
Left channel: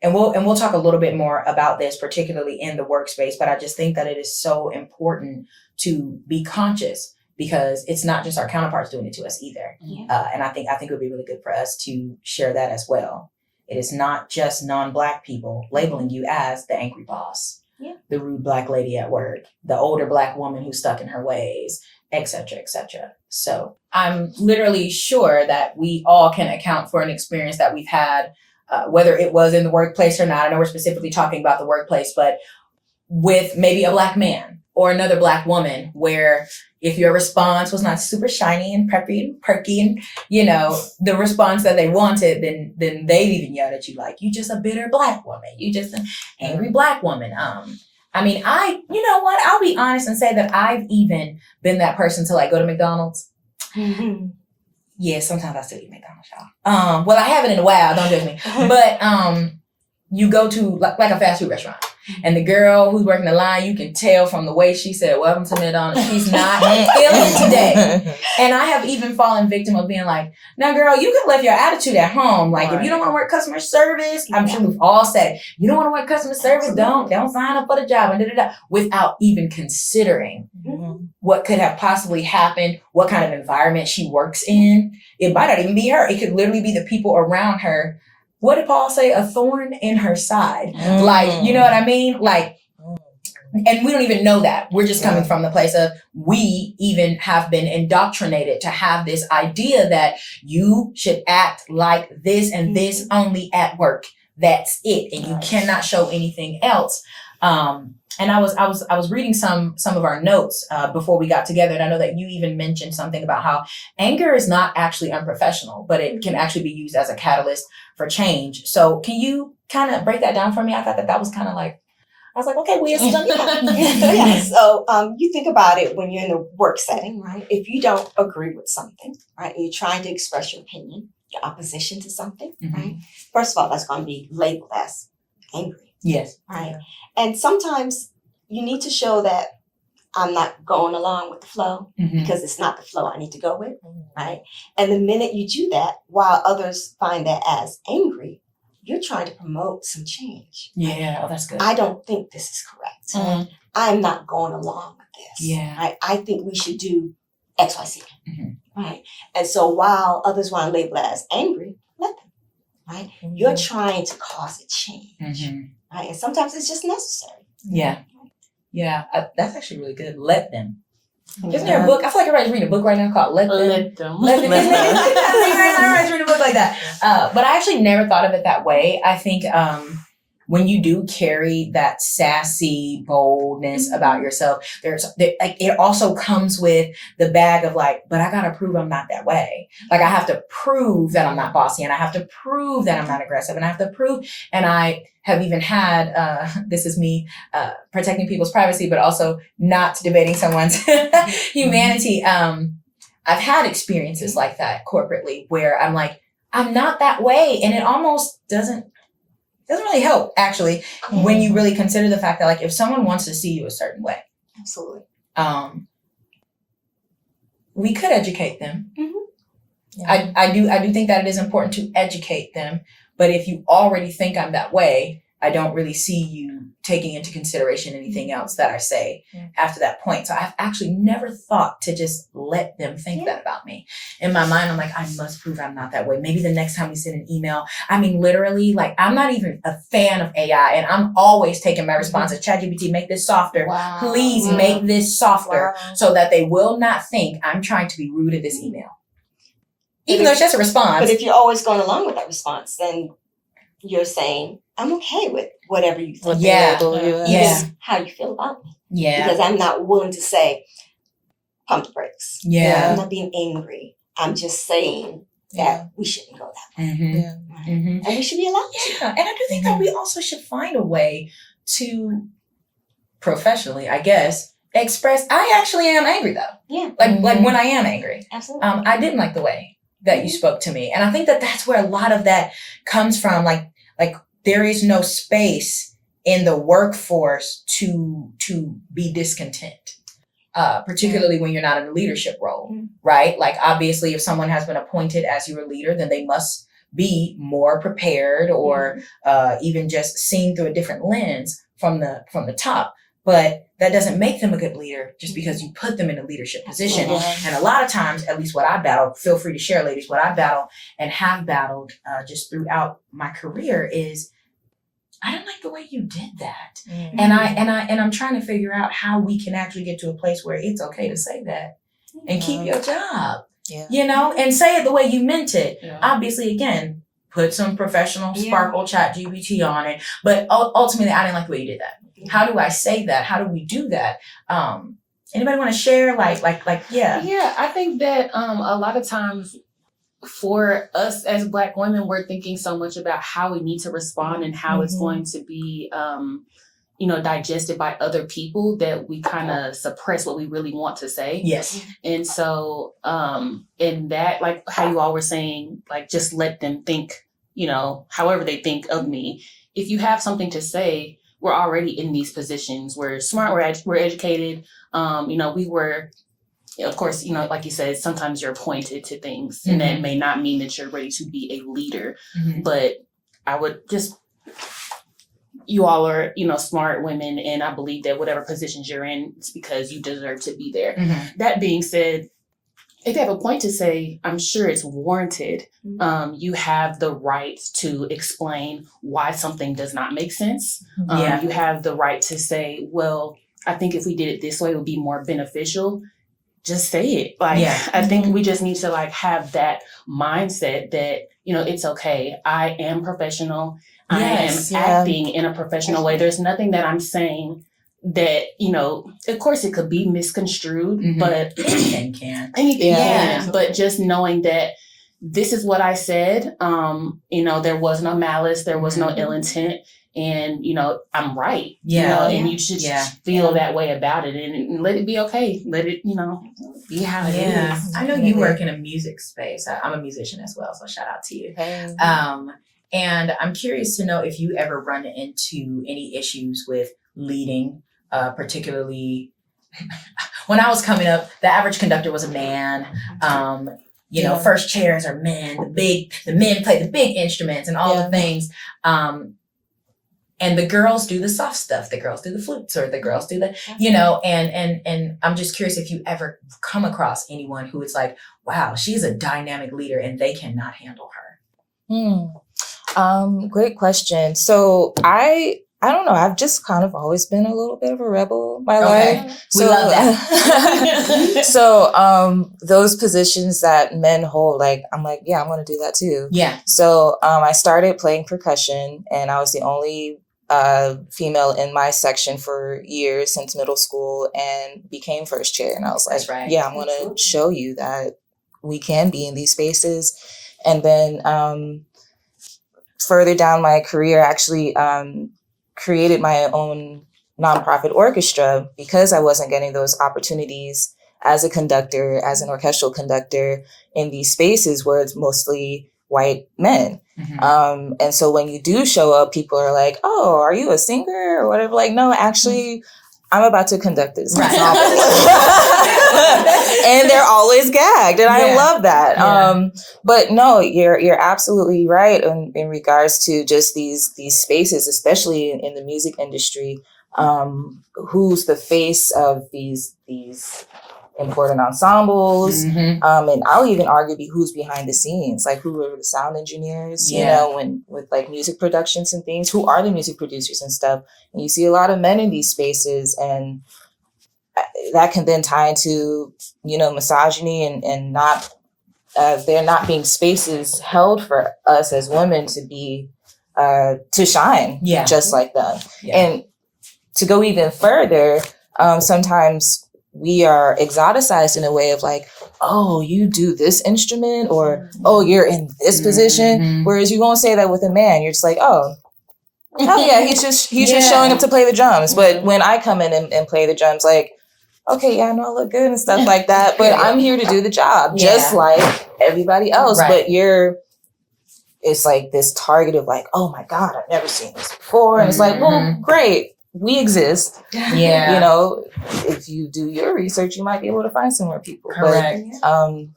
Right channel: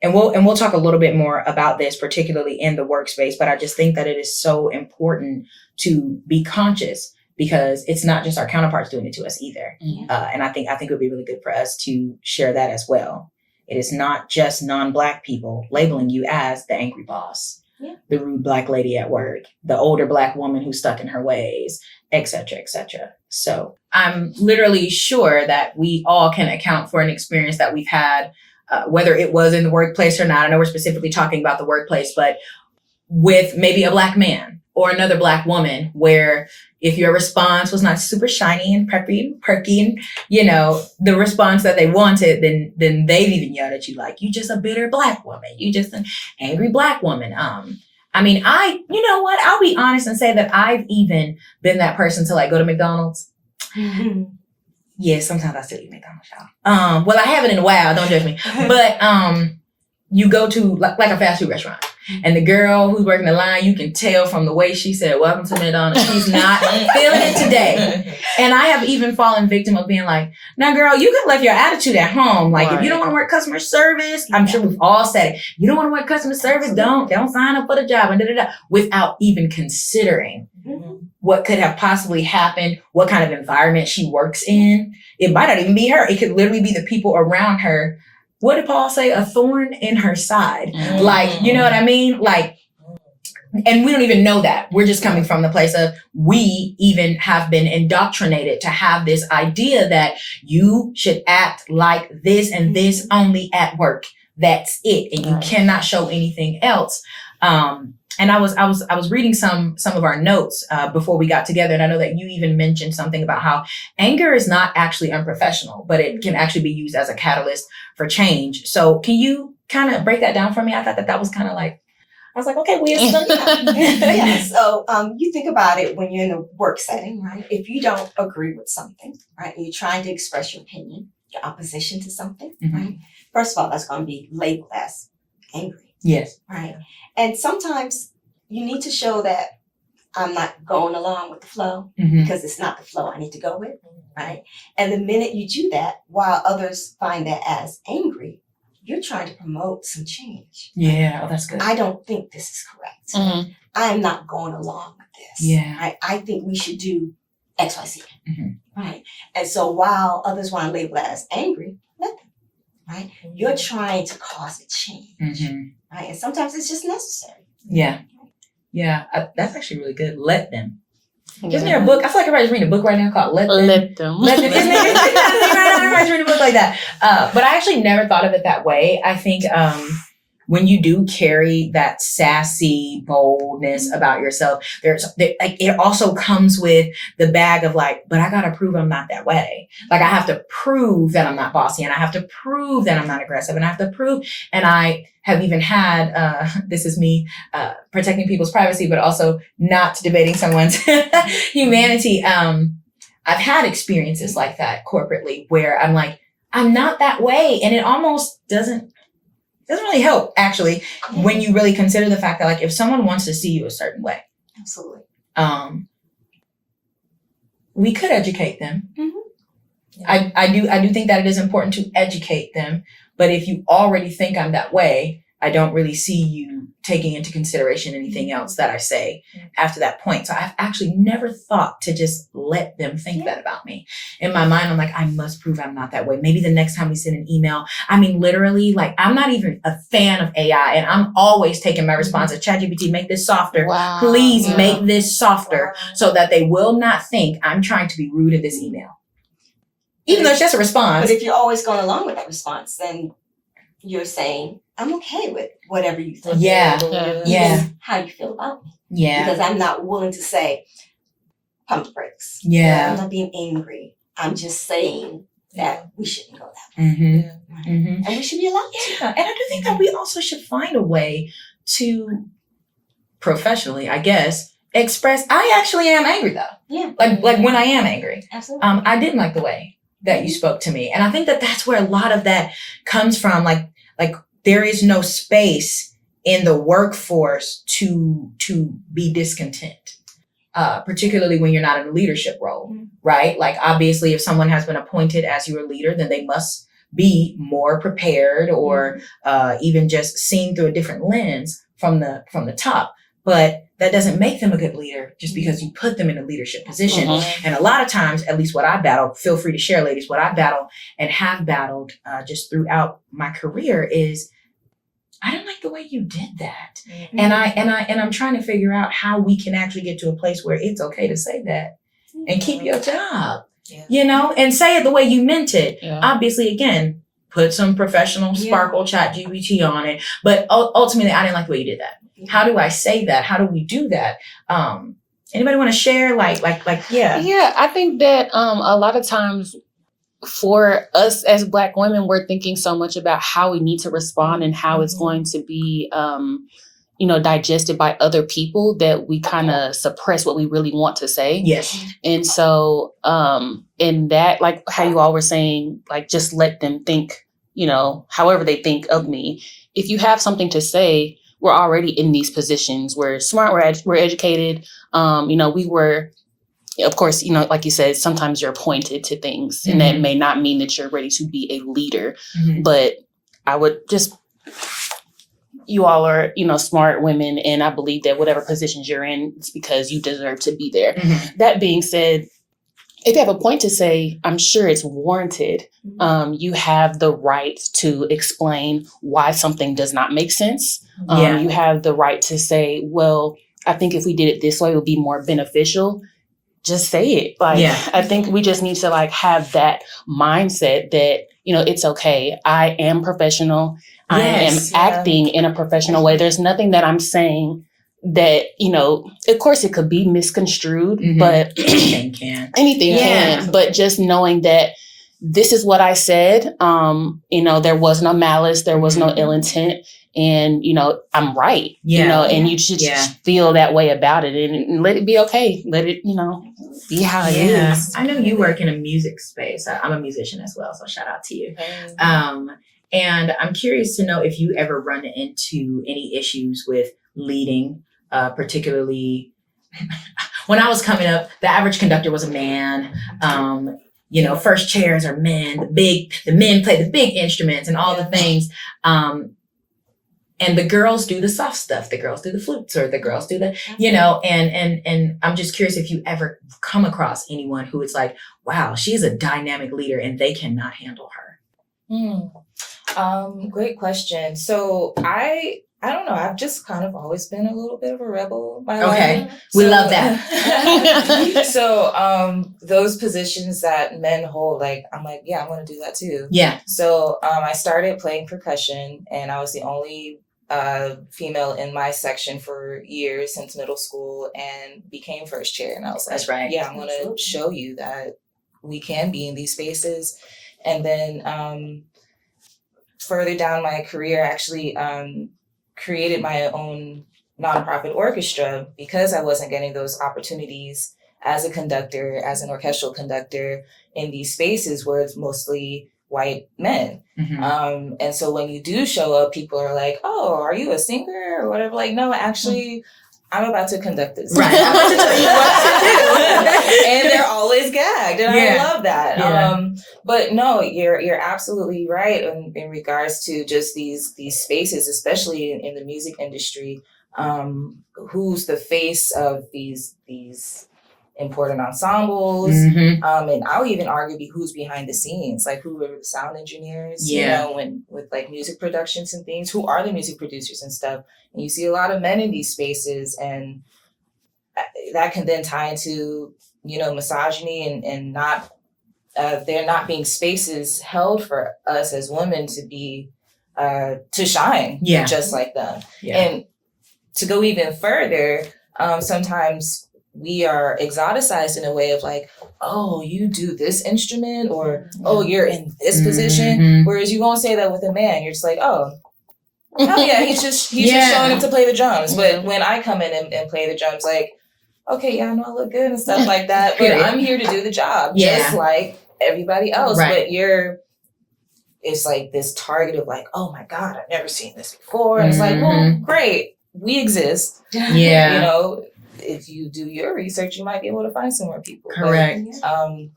and we'll talk a little bit more about this, particularly in the workspace, but I just think that it is so important to be conscious, because it's not just our counterparts doing it to us either. And I think it would be really good for us to share that as well. It is not just non-Black people labeling you as the angry boss. The rude Black lady at work, the older Black woman who's stuck in her ways, et cetera, et cetera. So I'm literally sure that we all can account for an experience that we've had, whether it was in the workplace or not. I know we're specifically talking about the workplace, but with maybe a Black man or another Black woman, where if your response was not super shiny and preppy and perky and, the response that they wanted, then they've even yelled at you like, you just a bitter Black woman. You just an angry Black woman. You know what? I'll be honest and say that I've even been that person to like go to McDonald's. Mm-hmm. Yeah, sometimes I still eat McDonald's, y'all. Well, I haven't in a while, don't judge me. But you go to like a fast food restaurant, and the girl who's working the line, you can tell from the way she said, welcome to McDonald's, she's not feeling it today. And I have even fallen victim of being like, now girl, you could left your attitude at home. Like, if you don't want to work customer service, I'm sure we've all said it. You don't want to work customer service, don't sign up for the job, and without even considering what could have possibly happened, what kind of environment she works in. It might not even be her. It could literally be the people around her. What did Paul say? A thorn in her side. Like, you know what I mean? Like, and we don't even know that. We're just coming from the place of, we even have been indoctrinated to have this idea that you should act like this and this only at work. That's it. And you cannot show anything else. And I was reading some of our notes before we got together, and I know that you even mentioned something about how anger is not actually unprofessional, but it can actually be used as a catalyst for change. So can you kind of break that down for me? I thought that was kind of like, I was like, okay, yeah. So you think about it when you're in a work setting, right? If you don't agree with something, right, and you're trying to express your opinion, your opposition to something, Mhm. right? First of all, that's going to be labeled as angry, Yes. right? And sometimes you need to show that I'm not going along with the flow Mhm. because it's not the flow I need to go with, right? And the minute you do that, while others find that as angry, you're trying to promote some change. Yeah, oh, that's good. I don't think this is correct. Mhm. I'm not going along with this. Yeah. Right? I think we should do X, Y, Z. Mhm. Right? And so while others want to label it as angry, let them. Right? You're trying to cause a change. Mhm. Right? And sometimes it's just necessary. Yeah. Yeah, that's actually really good. Let them. Isn't Yeah. there a book? I feel like everybody's reading a book right now called Let Them. Let them. Let Them. Everybody's reading a book like that. But I actually never thought of it that way. I think when you do carry that sassy boldness about yourself, it also comes with the bag of like, but I gotta prove I'm not that way. Like I have to prove that I'm not bossy, and I have to prove that I'm not aggressive, and I have to prove. And I have even had this is me protecting people's privacy, but also not debating someone's humanity. I've had experiences like that corporately where I'm like, I'm not that way, and it almost doesn't really help, actually, when you really consider the fact that, like, if someone wants to see you a certain way, Absolutely. we could educate them. Mm-hmm. Yeah. I do think that it is important to educate them, but if you already think I'm that way, I don't really see you taking into consideration anything else that I say after that point. So I've actually never thought to just let them think that about me. In my mind, I'm like, I must prove I'm not that way. Maybe the next time we send an email, I mean, literally, like, I'm not even a fan of AI, and I'm always taking my responses. ChatGPT, make this softer. Wow. Please Yeah. make this softer Wow. so that they will not think I'm trying to be rude in this email. Even though it's just a response. But if you're always going along with that response, then you're saying, I'm okay with whatever you think. Yeah. Yeah. How you feel about me. Yeah. Because I'm not willing to say, pump the brakes. Yeah. I'm not being angry. I'm just saying that we shouldn't go that Mm-hmm. Yeah. way. Mm-hmm. And we should be allowed to. Yeah. And I do think that we also should find a way to professionally, I guess, express, I actually am angry though. Yeah. Like when I am angry. Absolutely. I didn't like the way that you spoke to me. And I think that that's where a lot of that comes from. Like there is no space in the workforce to be discontent, particularly when you're not in a leadership role, right? Like obviously if someone has been appointed as your leader, then they must be more prepared or even just seen through a different lens from the top. But that doesn't make them a good leader just because you put them in a leadership position. And a lot of times, at least what I battle, feel free to share, ladies, what I battle and have battled just throughout my career is I don't like the way you did that. And I'm trying to figure out how we can actually get to a place where it's okay to say that and keep your job, you know, and say it the way you meant it. Yeah. Obviously, again, put some professional sparkle ChatGPT on it. But ultimately, I didn't like the way you did that. How do I say that? How do we do that? Anybody want to share? Yeah. Yeah, I think that a lot of times for us as Black women, we're thinking so much about how we need to respond and how it's going to be, digested by other people that we kind of suppress what we really want to say. Yes. And so in that, like how you all were saying, like just let them think, however they think of me. If you have something to say, we're already in these positions. We're smart, we're educated. We were, of course, like you said, sometimes you're appointed to things and that may not mean that you're ready to be a leader. But I would you all are, smart women. And I believe that whatever positions you're in, it's because you deserve to be there. That being said, if you have a point to say, I'm sure it's warranted. You have the right to explain why something does not make sense. You have the right to say, well, I think if we did it this way, it would be more beneficial. Just say it. I think we just need to have that mindset that, it's okay. I am professional. I am acting in a professional way. There's nothing that I'm saying that, of course it could be misconstrued, but anything can. But just knowing that this is what I said. There was no malice, there was no ill intent. And, I'm right, and you should just feel that way about it and let it be okay. Let it, be how it is. I know you work in a music space. I'm a musician as well, so shout out to you. And I'm curious to know if you ever run into any issues with leading, particularly when I was coming up, the average conductor was a man. First chairs are men, the men play the big instruments and all the things. And the girls do the soft stuff. The girls do the flutes, or the girls do the, and I'm just curious if you ever come across anyone who is like, wow, she's a dynamic leader and they cannot handle her. Great question. So I don't know. I've just kind of always been a little bit of a rebel my life. We love that. So those positions that men hold, I'm like, yeah, I'm going to do that too. Yeah. So I started playing percussion, and I was the only female in my section for years since middle school, and became first chair. And I was like, that's right. Yeah, I'm going to show you that we can be in these spaces. And then further down my career, actually created my own nonprofit orchestra because I wasn't getting those opportunities as a conductor, as an orchestral conductor in these spaces where it's mostly white men. Mm-hmm. And so when you do show up, people are like, oh, are you a singer or whatever? Like, no, actually, I'm about to conduct this. Right. And they're always gagged. And I love that. Yeah. But no, you're absolutely right in regards to just these spaces, especially in the music industry. Who's the face of these important ensembles? Mm-hmm. And I'll even argue who's behind the scenes, like who are the sound engineers, when with like music productions and things, who are the music producers and stuff. And you see a lot of men in these spaces, and that can then tie into, misogyny and not, there not being spaces held for us as women to be, to shine just like them. Yeah. And to go even further, sometimes we are exoticized in a way of like, oh, you do this instrument, or, oh, you're in this position. Mm-hmm. Whereas you won't say that with a man. You're just like, oh yeah, he's just showing up to play the drums. But when I come in and play the drums, like, okay, yeah, I know I look good and stuff like that, but I'm here to do the job just like everybody else. Right. But it's like this target of like, oh my God, I've never seen this before. And it's like, well, great. We exist. Yeah. If you do your research, you might be able to find some more people. Correct. But,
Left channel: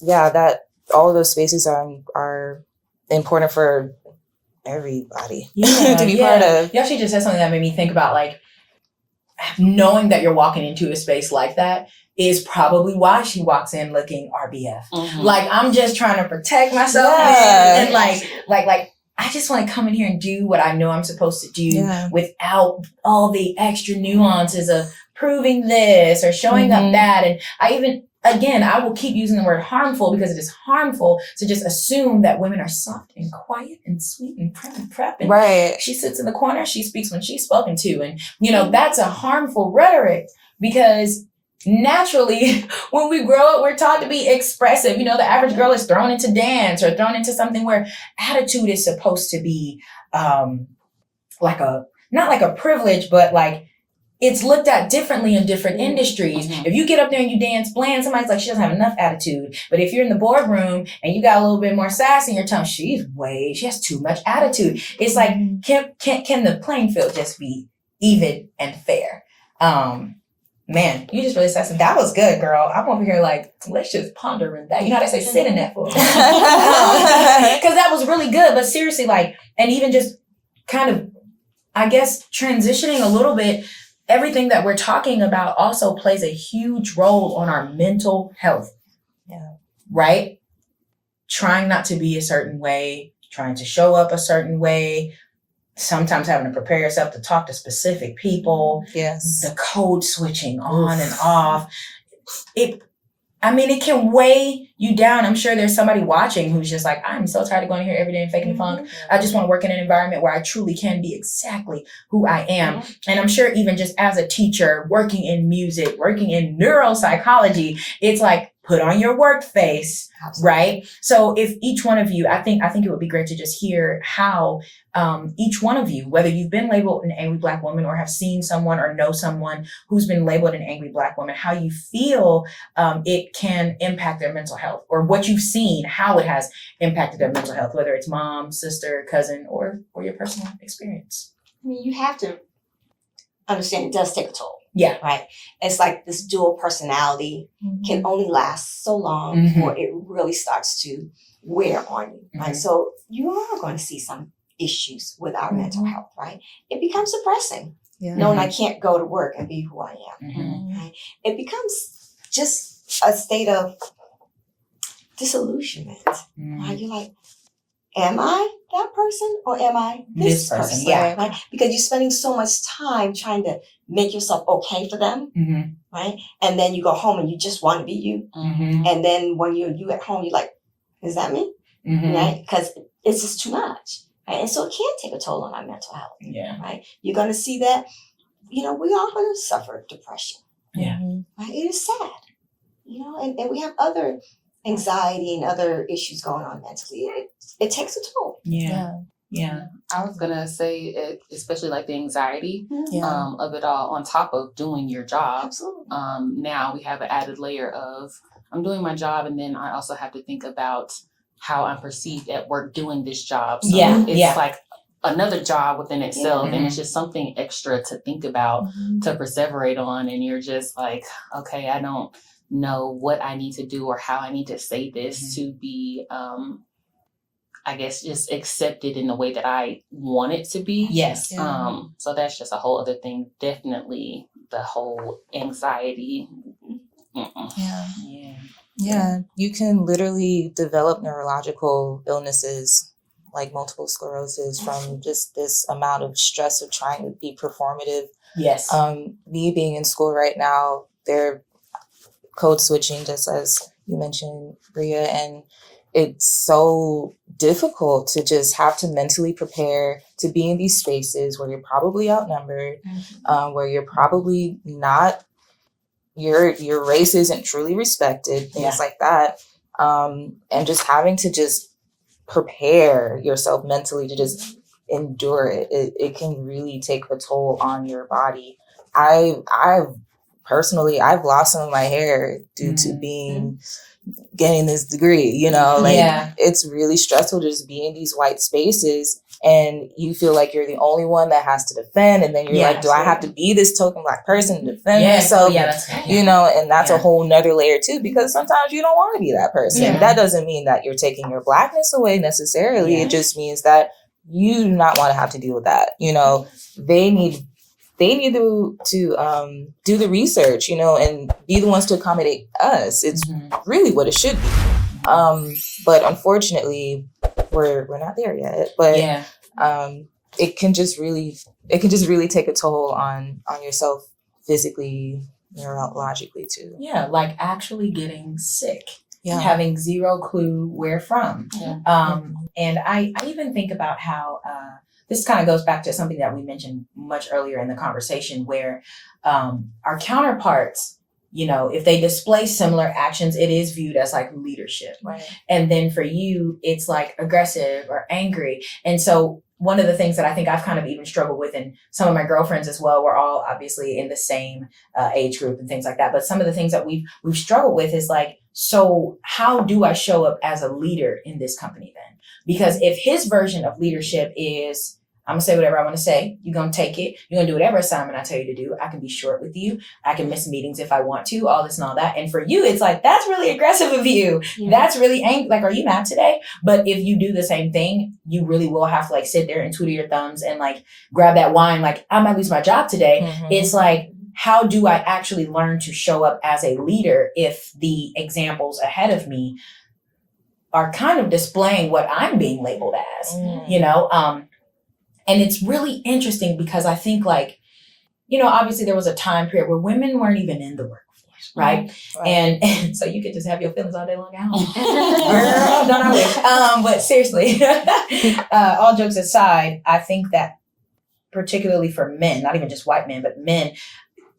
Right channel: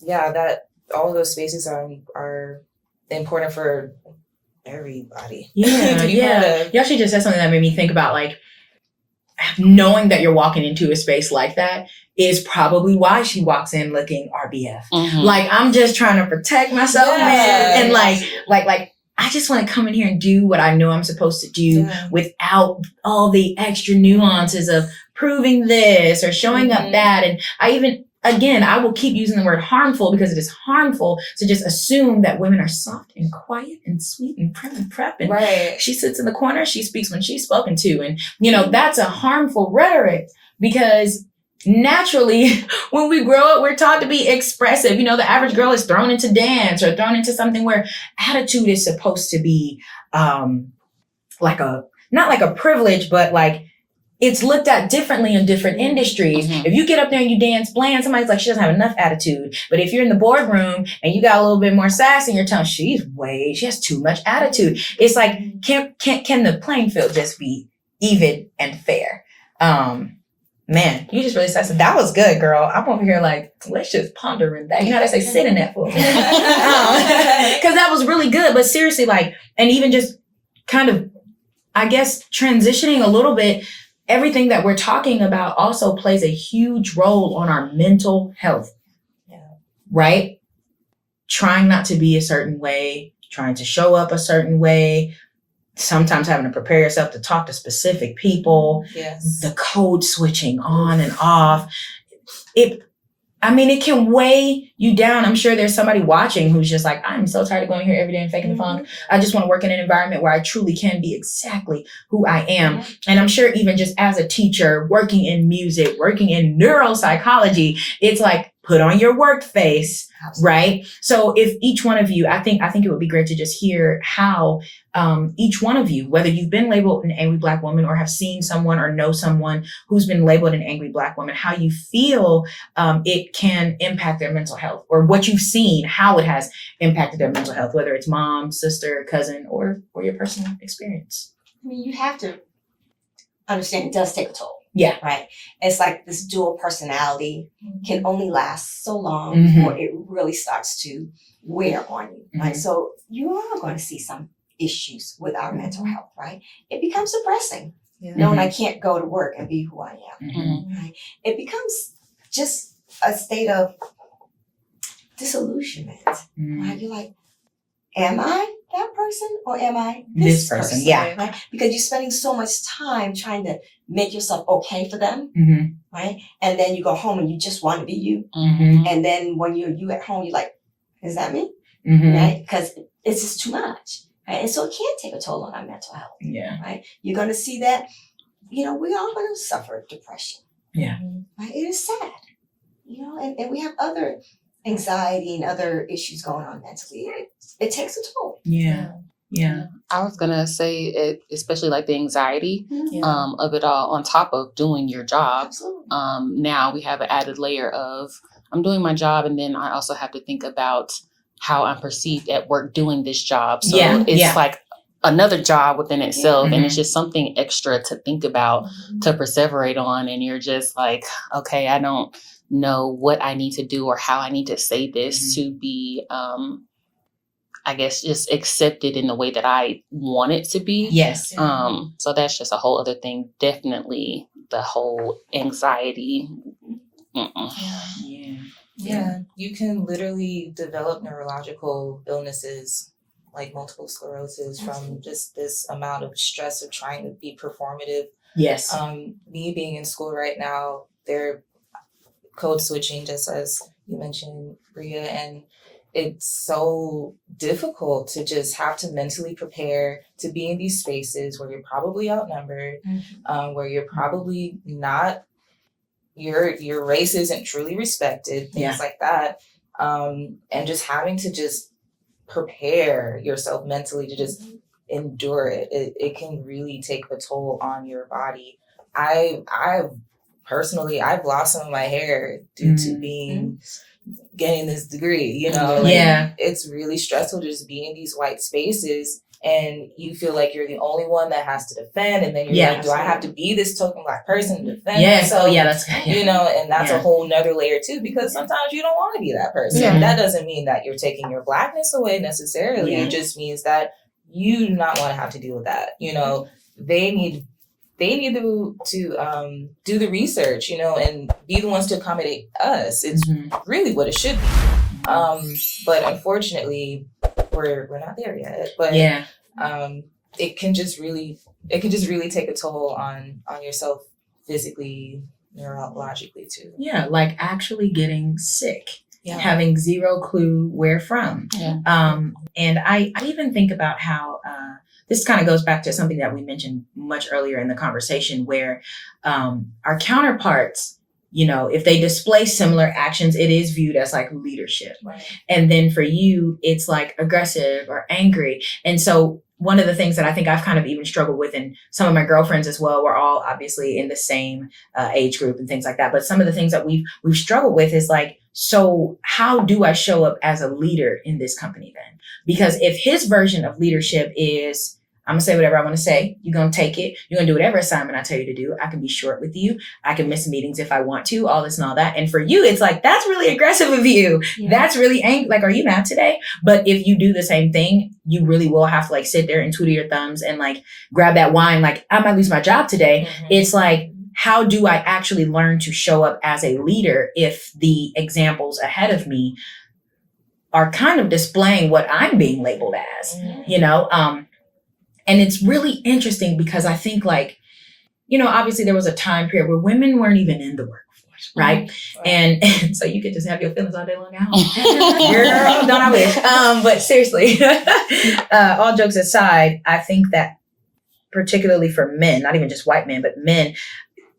that all of those spaces are important for everybody. Yeah. You actually just said something that made me think about, like, knowing that you're walking into a space like that is probably why she walks in looking RBF. Mm-hmm. Like, I'm just trying to protect myself and like I just want to come in here and do what I know I'm supposed to do without all the extra nuances of proving this or showing up that. And I will keep using the word harmful, because it is harmful to just assume that women are soft and quiet and sweet and prep. And she sits in the corner, she speaks when she's spoken to. And, that's a harmful rhetoric, because naturally, when we grow up, we're taught to be expressive. The average girl is thrown into dance or thrown into something where attitude is supposed to be not like a privilege, but like it's looked at differently in different industries. Mm-hmm. If you get up there and you dance bland, somebody's like, she doesn't have enough attitude. But if you're in the boardroom and you got a little bit more sass in your tone, she has too much attitude. It's like, can the playing field just be even and fair? Man, you just really said something. That was good, girl. I'm over here like, let's just ponder in that. You know how they say, sit in that for a moment. Because that was really good. But seriously, and even just kind of, I guess, transitioning a little bit, everything that we're talking about also plays a huge role on our mental health. Yeah. Right? Trying not to be a certain way, trying to show up a certain way, sometimes having to prepare yourself to talk to specific people. Yes. The code switching on and off. It can weigh you down. I'm sure there's somebody watching who's just like, I'm so tired of going here every day and faking the funk. I just want to work in an environment where I truly can be exactly who I am. And I'm sure even just as a teacher, working in music, working in neuropsychology, it's like put on your work face, Absolutely. right? So if each one of you, I think it would be great to just hear how each one of you, whether you've been labeled an angry Black woman or have seen someone or know someone who's been labeled an angry Black woman, how you feel it can impact their mental health, or what you've seen, how it has impacted their mental health, whether it's mom, sister, cousin, or your personal experience. I mean, you have to understand it does take a toll. Yeah. Right. It's like this dual personality can only last so long Mhm. before it really starts to wear on you. Right. Mhm. So you are going to see some issues with our mental health, right? It becomes depressing. Yeah. Knowing I can't go to work and be who I am. Mhm. Right. It becomes just a state of disillusionment. Mhm. Right. You're like, am I that person or am I This this person, person? yeah. Right? Because you're spending so much time trying to make yourself okay for them, Mhm. right? And then you go home and you just want to be you. Mhm. And then when you at home, you're like, is that me? Mhm. Right? Because it's just too much. Right? And so it can take a toll on our mental health. Yeah. Right? You're going to see that, we are going to suffer depression. Yeah. Right? It is sad. And we have other anxiety and other issues going on mentally. It takes a toll. Yeah. Yeah. I was gonna say it, especially like the anxiety Yeah. of it all, on top of doing your job. Absolutely. Now we have an added layer of I'm doing my job, and then I also have to think about how I'm perceived at work doing this job. So Yeah, it's yeah. like another job within itself, Yeah. and it's just something extra to think about, to perseverate on. And you're just like, okay, I don't know what I need to do or how I need to say this to be I guess just accepted in the way that I want it to be. Yes. Yeah. So that's just a whole other thing. Definitely the whole anxiety. Mm-mm. Yeah. Yeah. Yeah. You can literally develop neurological illnesses like multiple sclerosis from just this amount of stress of trying to be performative. Yes. Me being in school right now, they're code switching, just as you mentioned, Bria, and it's so difficult to just have to mentally prepare to be in these spaces where you're probably outnumbered, where you're probably not, your race isn't truly respected, things like that. And just having to just prepare yourself mentally to just endure it. It can really take a toll on your body. I've personally lost some of my hair due to getting this degree, it's really stressful to just be in these white spaces and you feel like you're the only one that has to defend, and then you're like, do I have to be this token Black person to defend myself? And that's a whole nother layer too, because sometimes you don't want to be that person. That doesn't mean that you're taking your Blackness away necessarily. It just means that you do not want to have to deal with that. They need to do the research, and be the ones to accommodate us. It's really what it should be. But unfortunately, we're not there yet. But it can just really take a toll on yourself physically, neurologically too. Yeah, like actually getting sick. Yeah. Having zero clue where from. And I even think about how this kind of goes back to something that we mentioned much earlier in the conversation, where our counterparts, if they display similar actions, it is viewed as like leadership. Right. And then for you, it's like aggressive or angry. And so one of the things that I think I've kind of even struggled with, and some of my girlfriends as well, we're all obviously in the same age group and things like that. But some of the things that we've struggled with is like, so how do I show up as a leader in this company then? Because if his version of leadership is, I'm gonna say whatever I want to say. You're gonna take it. You're gonna do whatever assignment I tell you to do. I can be short with you. I can miss meetings if I want to, all this and all that. And for you, it's like, that's really aggressive of you. Yeah. That's really angry. Like, are you mad today? But if you do the same thing, you really will have to like sit there and twiddle your thumbs and like grab that wine. Like, I might lose my job today. It's like, how do I actually learn to show up as a leader if the examples ahead of me are kind of displaying what I'm being labeled as, and it's really interesting because I think like, obviously there was a time period where women weren't even in the workforce, right? And so you could just have your feelings all day long now. Girl, don't I wish? But seriously, all jokes aside, I think that particularly for men, not even just white men, but men,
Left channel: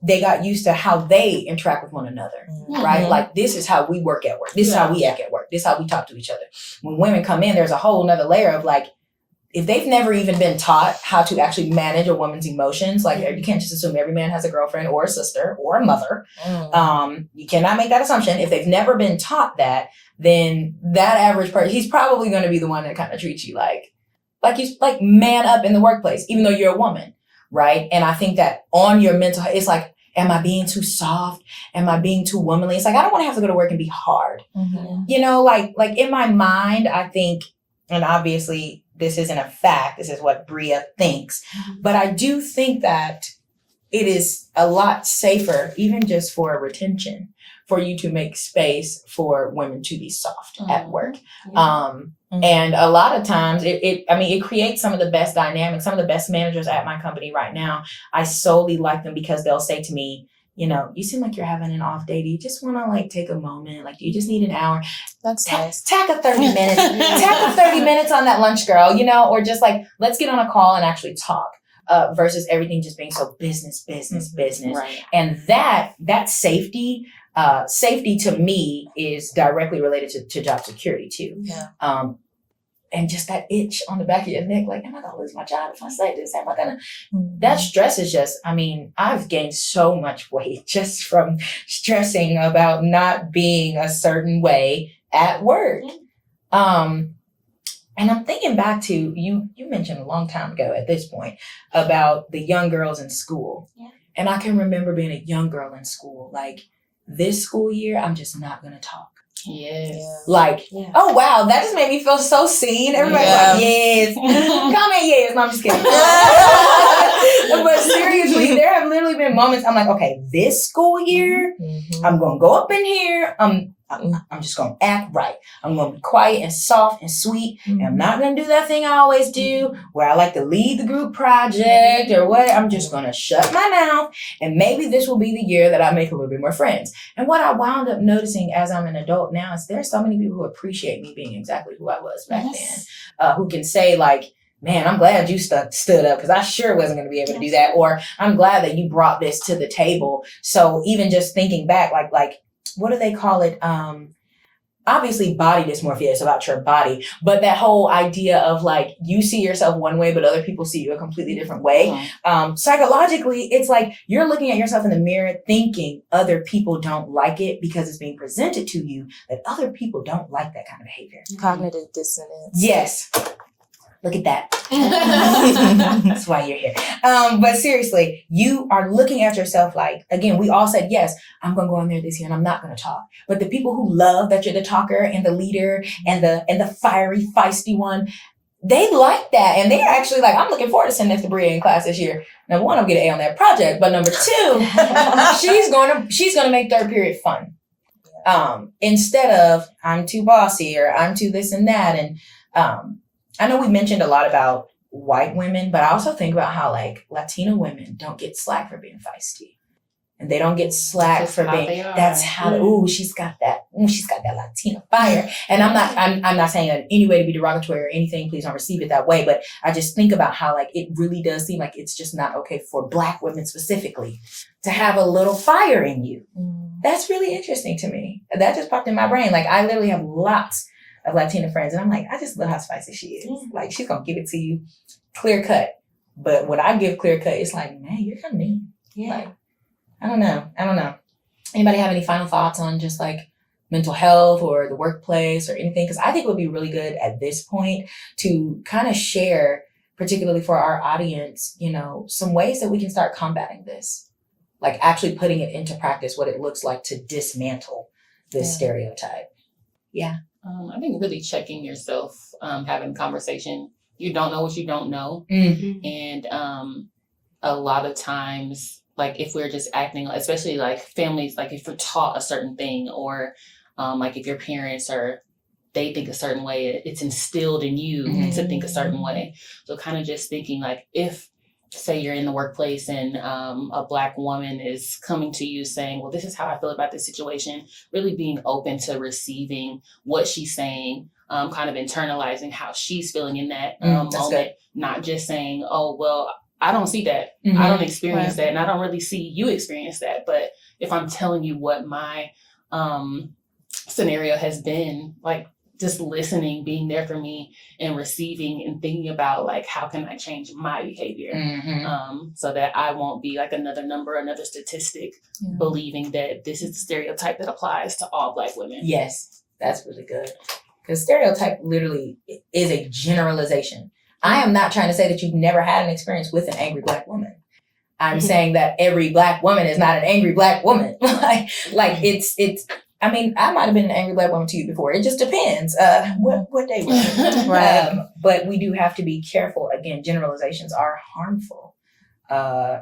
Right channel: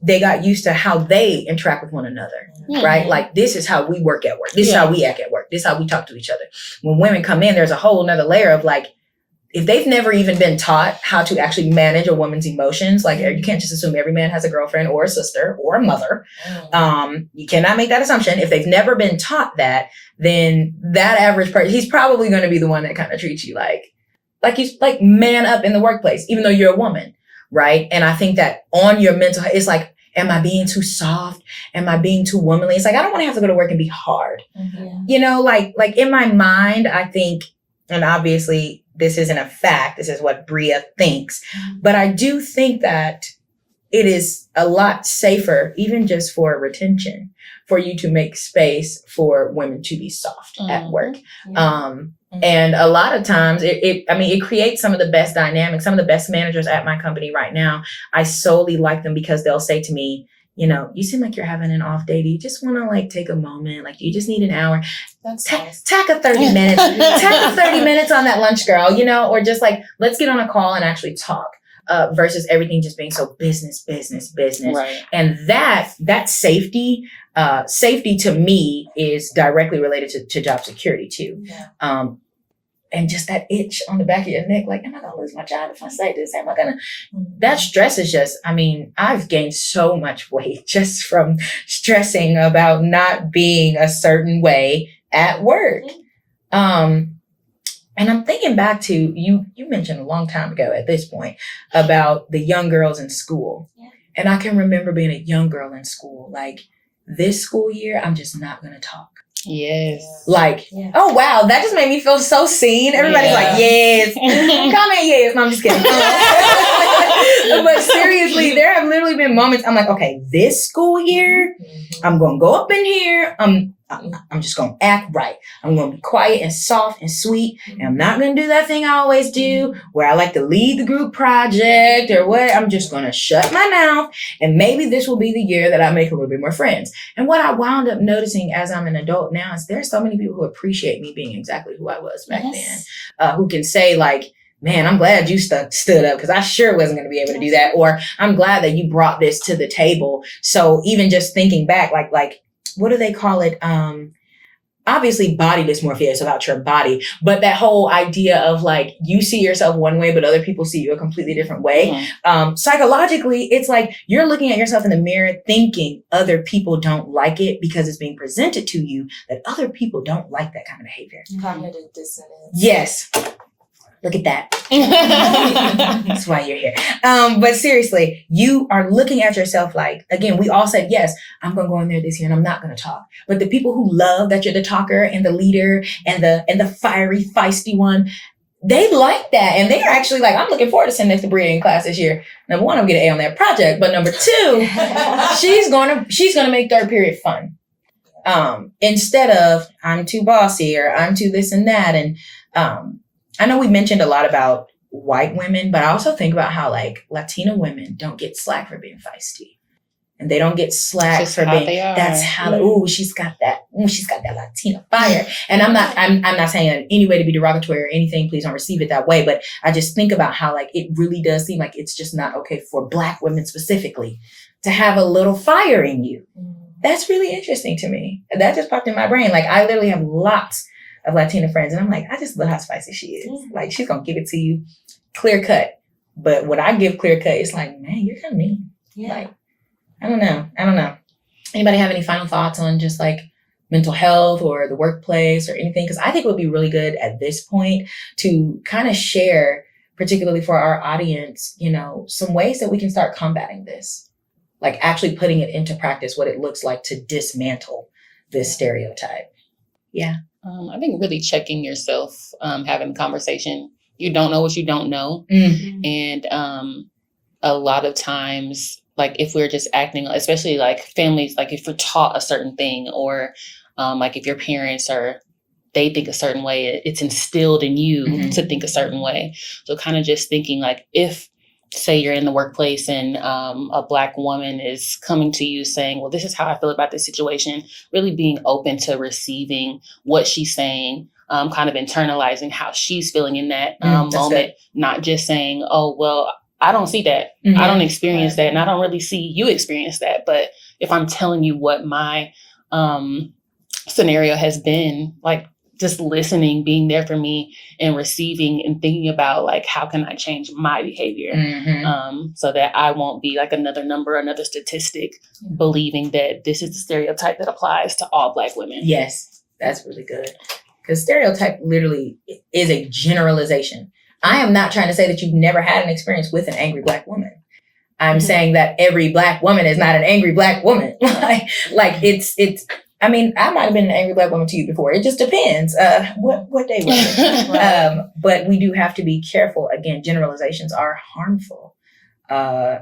they got used to how they interact with one another, right? Like, this is how we work at work. This is how we act at work. This is how we talk to each other. When women come in, there's a whole nother layer of like, if they've never even been taught how to actually manage a woman's emotions, like you can't just assume every man has a girlfriend or a sister or a mother. You cannot make that assumption. If they've never been taught that, then that average person, he's probably going to be the one that kind of treats you like you like man up in the workplace, even though you're a woman, right? And I think that on your mental, it's like, am I being too soft? Am I being too womanly? It's like, I don't want to have to go to work and be hard. You know, like in my mind, I think, and obviously this isn't a fact, this is what Bria thinks, but I do think that it is a lot safer, even just for retention, for you to make space for women to be soft at work. And a lot of times it creates some of the best dynamics. Some of the best managers at my company right now, I solely like them because they'll say to me, you know, you seem like you're having an off day. Do you just want to like take a moment? Like, you just need an hour? That's nice. Tack a 30 minutes. Tack a 30 minutes on that lunch, girl, you know, or just like, let's get on a call and actually talk. Versus everything just being so business. Right. And that safety to me is directly related to job security too. And just that itch on the back of your neck, like, am I gonna lose my job if I say this? Am I gonna, that stress is just, I mean, I've gained so much weight just from stressing about not being a certain way at work. And I'm thinking back to, you mentioned a long time ago at this point about the young girls in school. And I can remember being a young girl in school, like, this school year, I'm just not gonna talk. Yes. Like, oh wow, that just made me feel so seen. Everybody's like, yes, comment yes. No, I'm just kidding. But seriously, there have literally been moments I'm like, okay, this school year, I'm gonna go up in here. I'm just gonna act right. I'm gonna be quiet and soft and sweet. And I'm not gonna do that thing I always do where I like to lead the group project or what. I'm just gonna shut my mouth. And maybe this will be the year that I make a little bit more friends. And what I wound up noticing as I'm an adult now is there's so many people who appreciate me being exactly who I was back then, who can say like, man, I'm glad you stood up because I sure wasn't going to be able to do that. Or I'm glad that you brought this to the table. So even just thinking back, like, what do they call it? Obviously body dysmorphia is about your body, but that whole idea of like, you see yourself one way, but other people see you a completely different way. Psychologically, it's like you're looking at yourself in the mirror thinking other people don't like it because it's being presented to you that other people don't like that kind of behavior. Cognitive dissonance. Yes. Look at that. That's why you're here. But seriously, you are looking at yourself like, again, we all said, yes, I'm going to go in there this year and I'm not going to talk. But the people who love that you're the talker and the leader and the fiery, feisty one, they like that. And they're actually like, I'm looking forward to sending this to Bria in class this year. Number one, I'm going to get an A on that project. But number two, she's going to make third period fun. Instead of I'm too bossy or I'm too this and that. And, I know we mentioned a lot about white women, but I also think about how like Latina women don't get slack for being feisty. And they don't get slack for being, that's how, she's got that Latina fire. And I'm not saying that in any way to be derogatory or anything, please don't receive it that way. But I just think about how like, it really does seem like it's just not okay for Black women specifically to have a little fire in you. That's really interesting to me. That just popped in my brain. Like I literally have lots of Latina friends. And I'm like, I just love how spicy she is. Like she's going to give it to you clear cut. But when I give clear cut, it's like, man, you're kind of mean. Like, I don't know. Anybody have any final thoughts on just like mental health or the workplace or anything? Because I think it would be really good at this point to kind of share, particularly for our audience, you know, some ways that we can start combating this. Like actually putting it into practice, what it looks like to dismantle this stereotype. Yeah. I think really checking yourself, having a conversation. You don't know what you don't know. And a lot of times, like if we're just acting, especially like families, like if we're taught a certain thing or like if your parents they think a certain way, it's instilled in you to think a certain way. So kind of just thinking like if, say you're in the workplace and a Black woman is coming to you saying, well, this is how I feel about this situation, really being open to receiving what she's saying, kind of internalizing how she's feeling in that moment, not just saying, oh, well, I don't see that. Mm-hmm. I don't experience that. And I don't really see you experience that. But if I'm telling you what my scenario has been, like just listening, being there for me and receiving and thinking about like, how can I change my behavior so that I won't be like another number, another statistic, believing that this is the stereotype that applies to all Black women. Yes, that's really good. Because stereotype literally is a generalization. I am not trying to say that you've never had an experience with an angry Black woman. I'm saying that every Black woman is not an angry Black woman. like it's. I mean, I might have been an angry Black woman to you before. It just depends what day was it. But we do have to be careful. Again, generalizations are harmful. I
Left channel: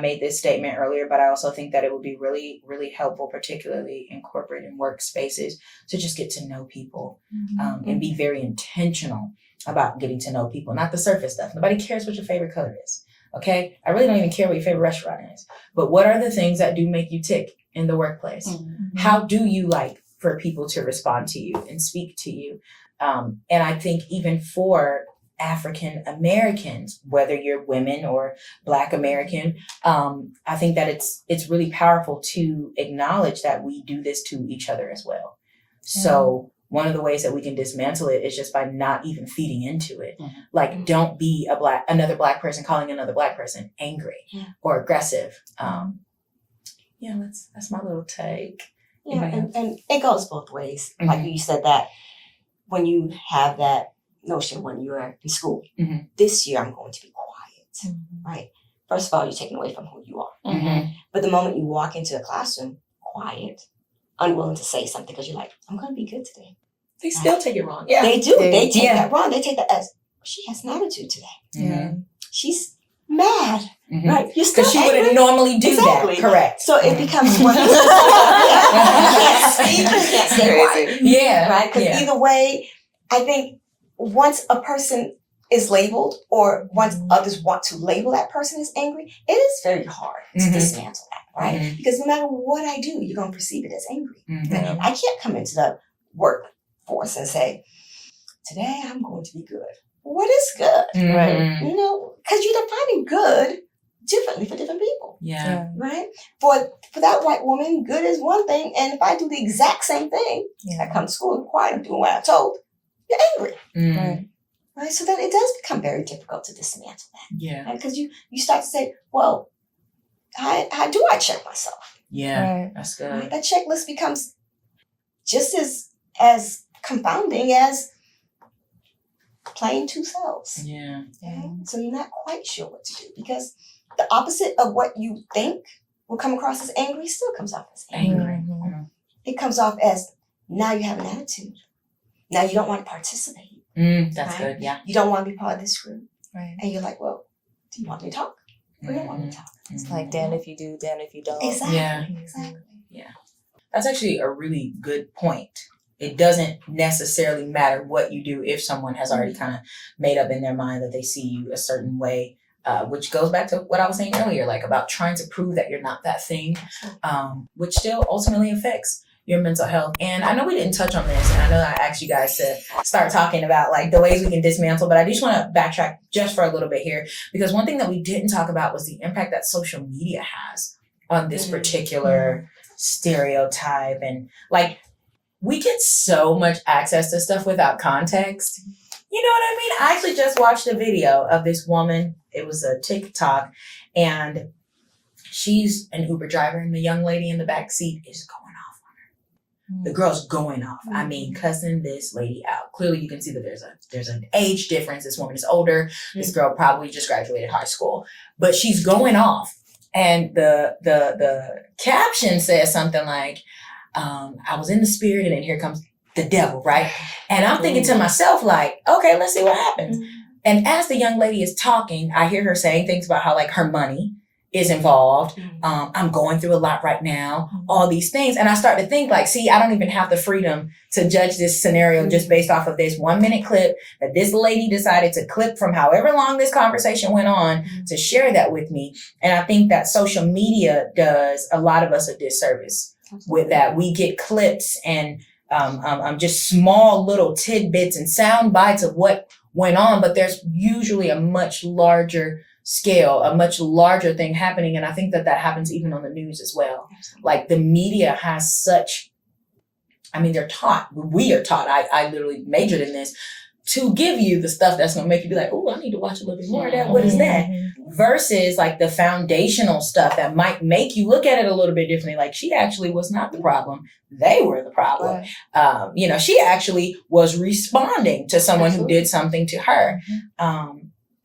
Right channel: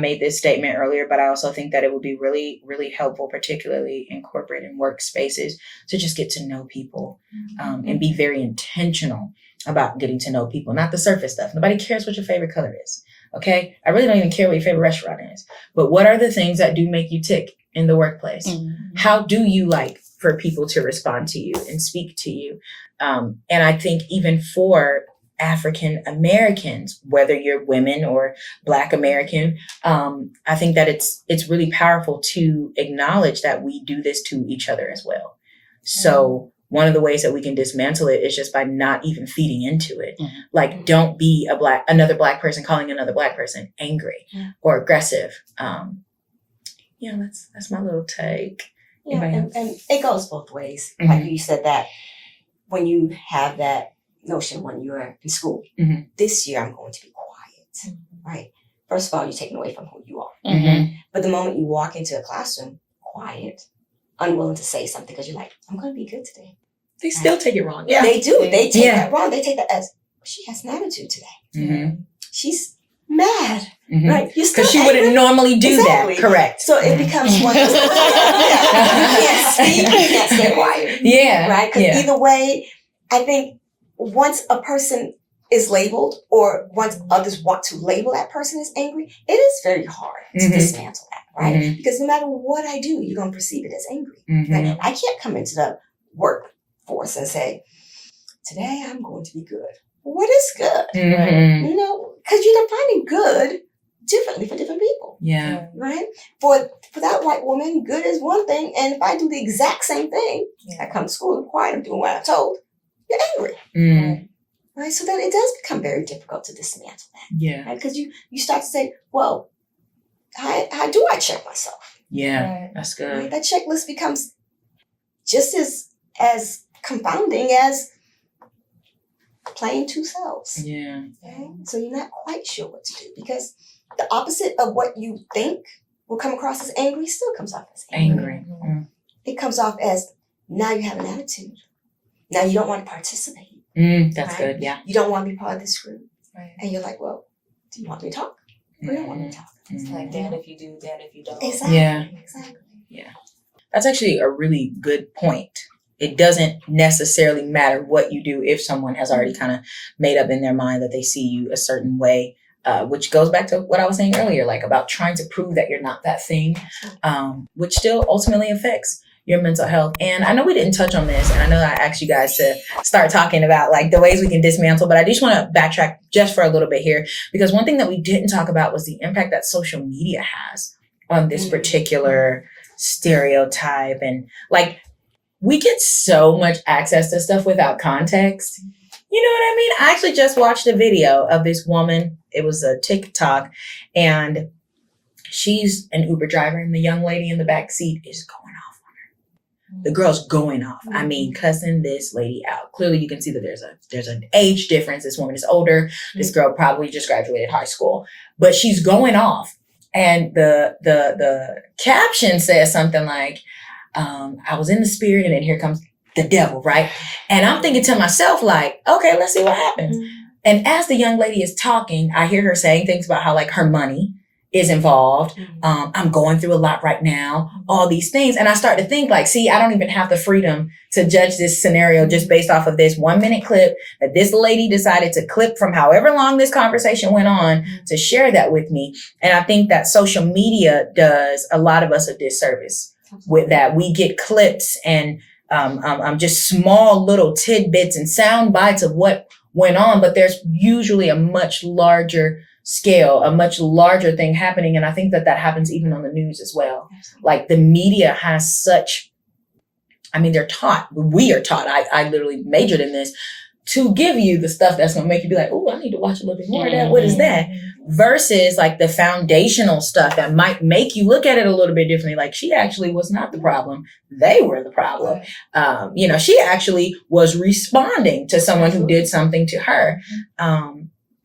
made this statement earlier, but I also think that it would be really, really helpful, particularly in corporate and workspaces, to just get to know people and be very intentional about getting to know people, not the surface stuff. Nobody cares what your favorite color is. Okay. I really don't even care what your favorite restaurant is, but what are the things that do make you tick in the workplace? How do you like for people to respond to you and speak to you? And I think even for African Americans, whether you're women or Black American, I think that it's really powerful to acknowledge that we do this to each other as well. So one of the ways that we can dismantle it is just by not even feeding into it. Like, don't be another Black person calling another Black person angry or aggressive. That's my little take. Yeah, and it goes both ways. Like you said, that when you have that notion when you're in school, this year I'm going to be quiet, right? First of all, you're taking away from who you are. But the moment you walk into a classroom, quiet, unwilling to say something because you're like, I'm going to be good today. They still take it wrong. Yeah, they do. They take that wrong. They take that as, she has an attitude today. She's mad, right? Because she wouldn't normally do that. Correct. So it becomes one. You can't speak. You can't stay quiet. Yeah. Right? Because either way, I think once a person is labeled, or once others want to label that person as angry, it is very hard to dismantle that, right? Because no matter what I do, you're going to perceive it as angry. Right? I can't come into the workforce and say, today I'm going to be good. What is good? Right? You know, because you're defining good differently for different people. Yeah. Right? For that white woman, good is one thing. And if I do the exact same thing, I come to school and quiet, I'm doing what I'm told, you're angry. Right? So then it does become very difficult to dismantle that. Yeah. Right? Because you start to say, well, how do I check myself? Yeah. That's good. Right? That checklist becomes just as confounding as playing two selves. Yeah. Okay? So you're not quite sure what to do, because the opposite of what you think will come across as angry still comes off as angry. It comes off as, now you have an attitude. Now you don't want to participate. That's good. Yeah. You don't want to be part of this group. Right. And you're like, well, do you want me to talk? Or you don't want me to talk? It's like, damn if you do, damn if you don't. Exactly. Yeah. Exactly. Yeah. That's actually a really good point. It doesn't necessarily matter what you do if someone has already kind of made up in their mind that they see you a certain way, which goes back to what I was saying earlier, like about trying to prove that you're not that thing, which still ultimately affects your mental health. And I know we didn't touch on this, and I know I asked you guys to start talking about like the ways we can dismantle, but I just want to backtrack just for a little bit here, because one thing that we didn't talk about was the impact that social media has on this particular stereotype. And like, we get so much access to stuff without context. You know what I mean? I actually just watched a video of this woman. It was a TikTok, and she's an Uber driver, and the young lady in the back seat is going off on her. The girl's going off. I mean, cussing this lady out. Clearly, you can see that there's an age difference. This woman is older. This girl probably just graduated high school, but she's going off. And the caption says something like, I was in the spirit, and then here comes the devil, right? And I'm thinking to myself, like, okay, let's see what happens. And as the young lady is talking, I hear her saying things about how like her money is involved. I'm going through a lot right now, all these things. And I start to think like, see, I don't even have the freedom to judge this scenario just based off of this 1 minute clip that this lady decided to clip from however long this conversation went on to share that with me. And I think that social media does a lot of us a disservice with that. We get clips and just small little tidbits and sound bites of what went on, but there's usually a much larger scale, a much larger thing happening. And I think that happens even on the news as well. Absolutely. Like the media has such, I mean, we are taught, I literally majored in this, to give you the stuff that's going to make you be like, oh, I need to watch a little bit more of that. What is that? Versus like the foundational stuff that might make you look at it a little bit differently. Like she actually was not the problem. They were the problem. Right. She actually was responding to someone who did something to her.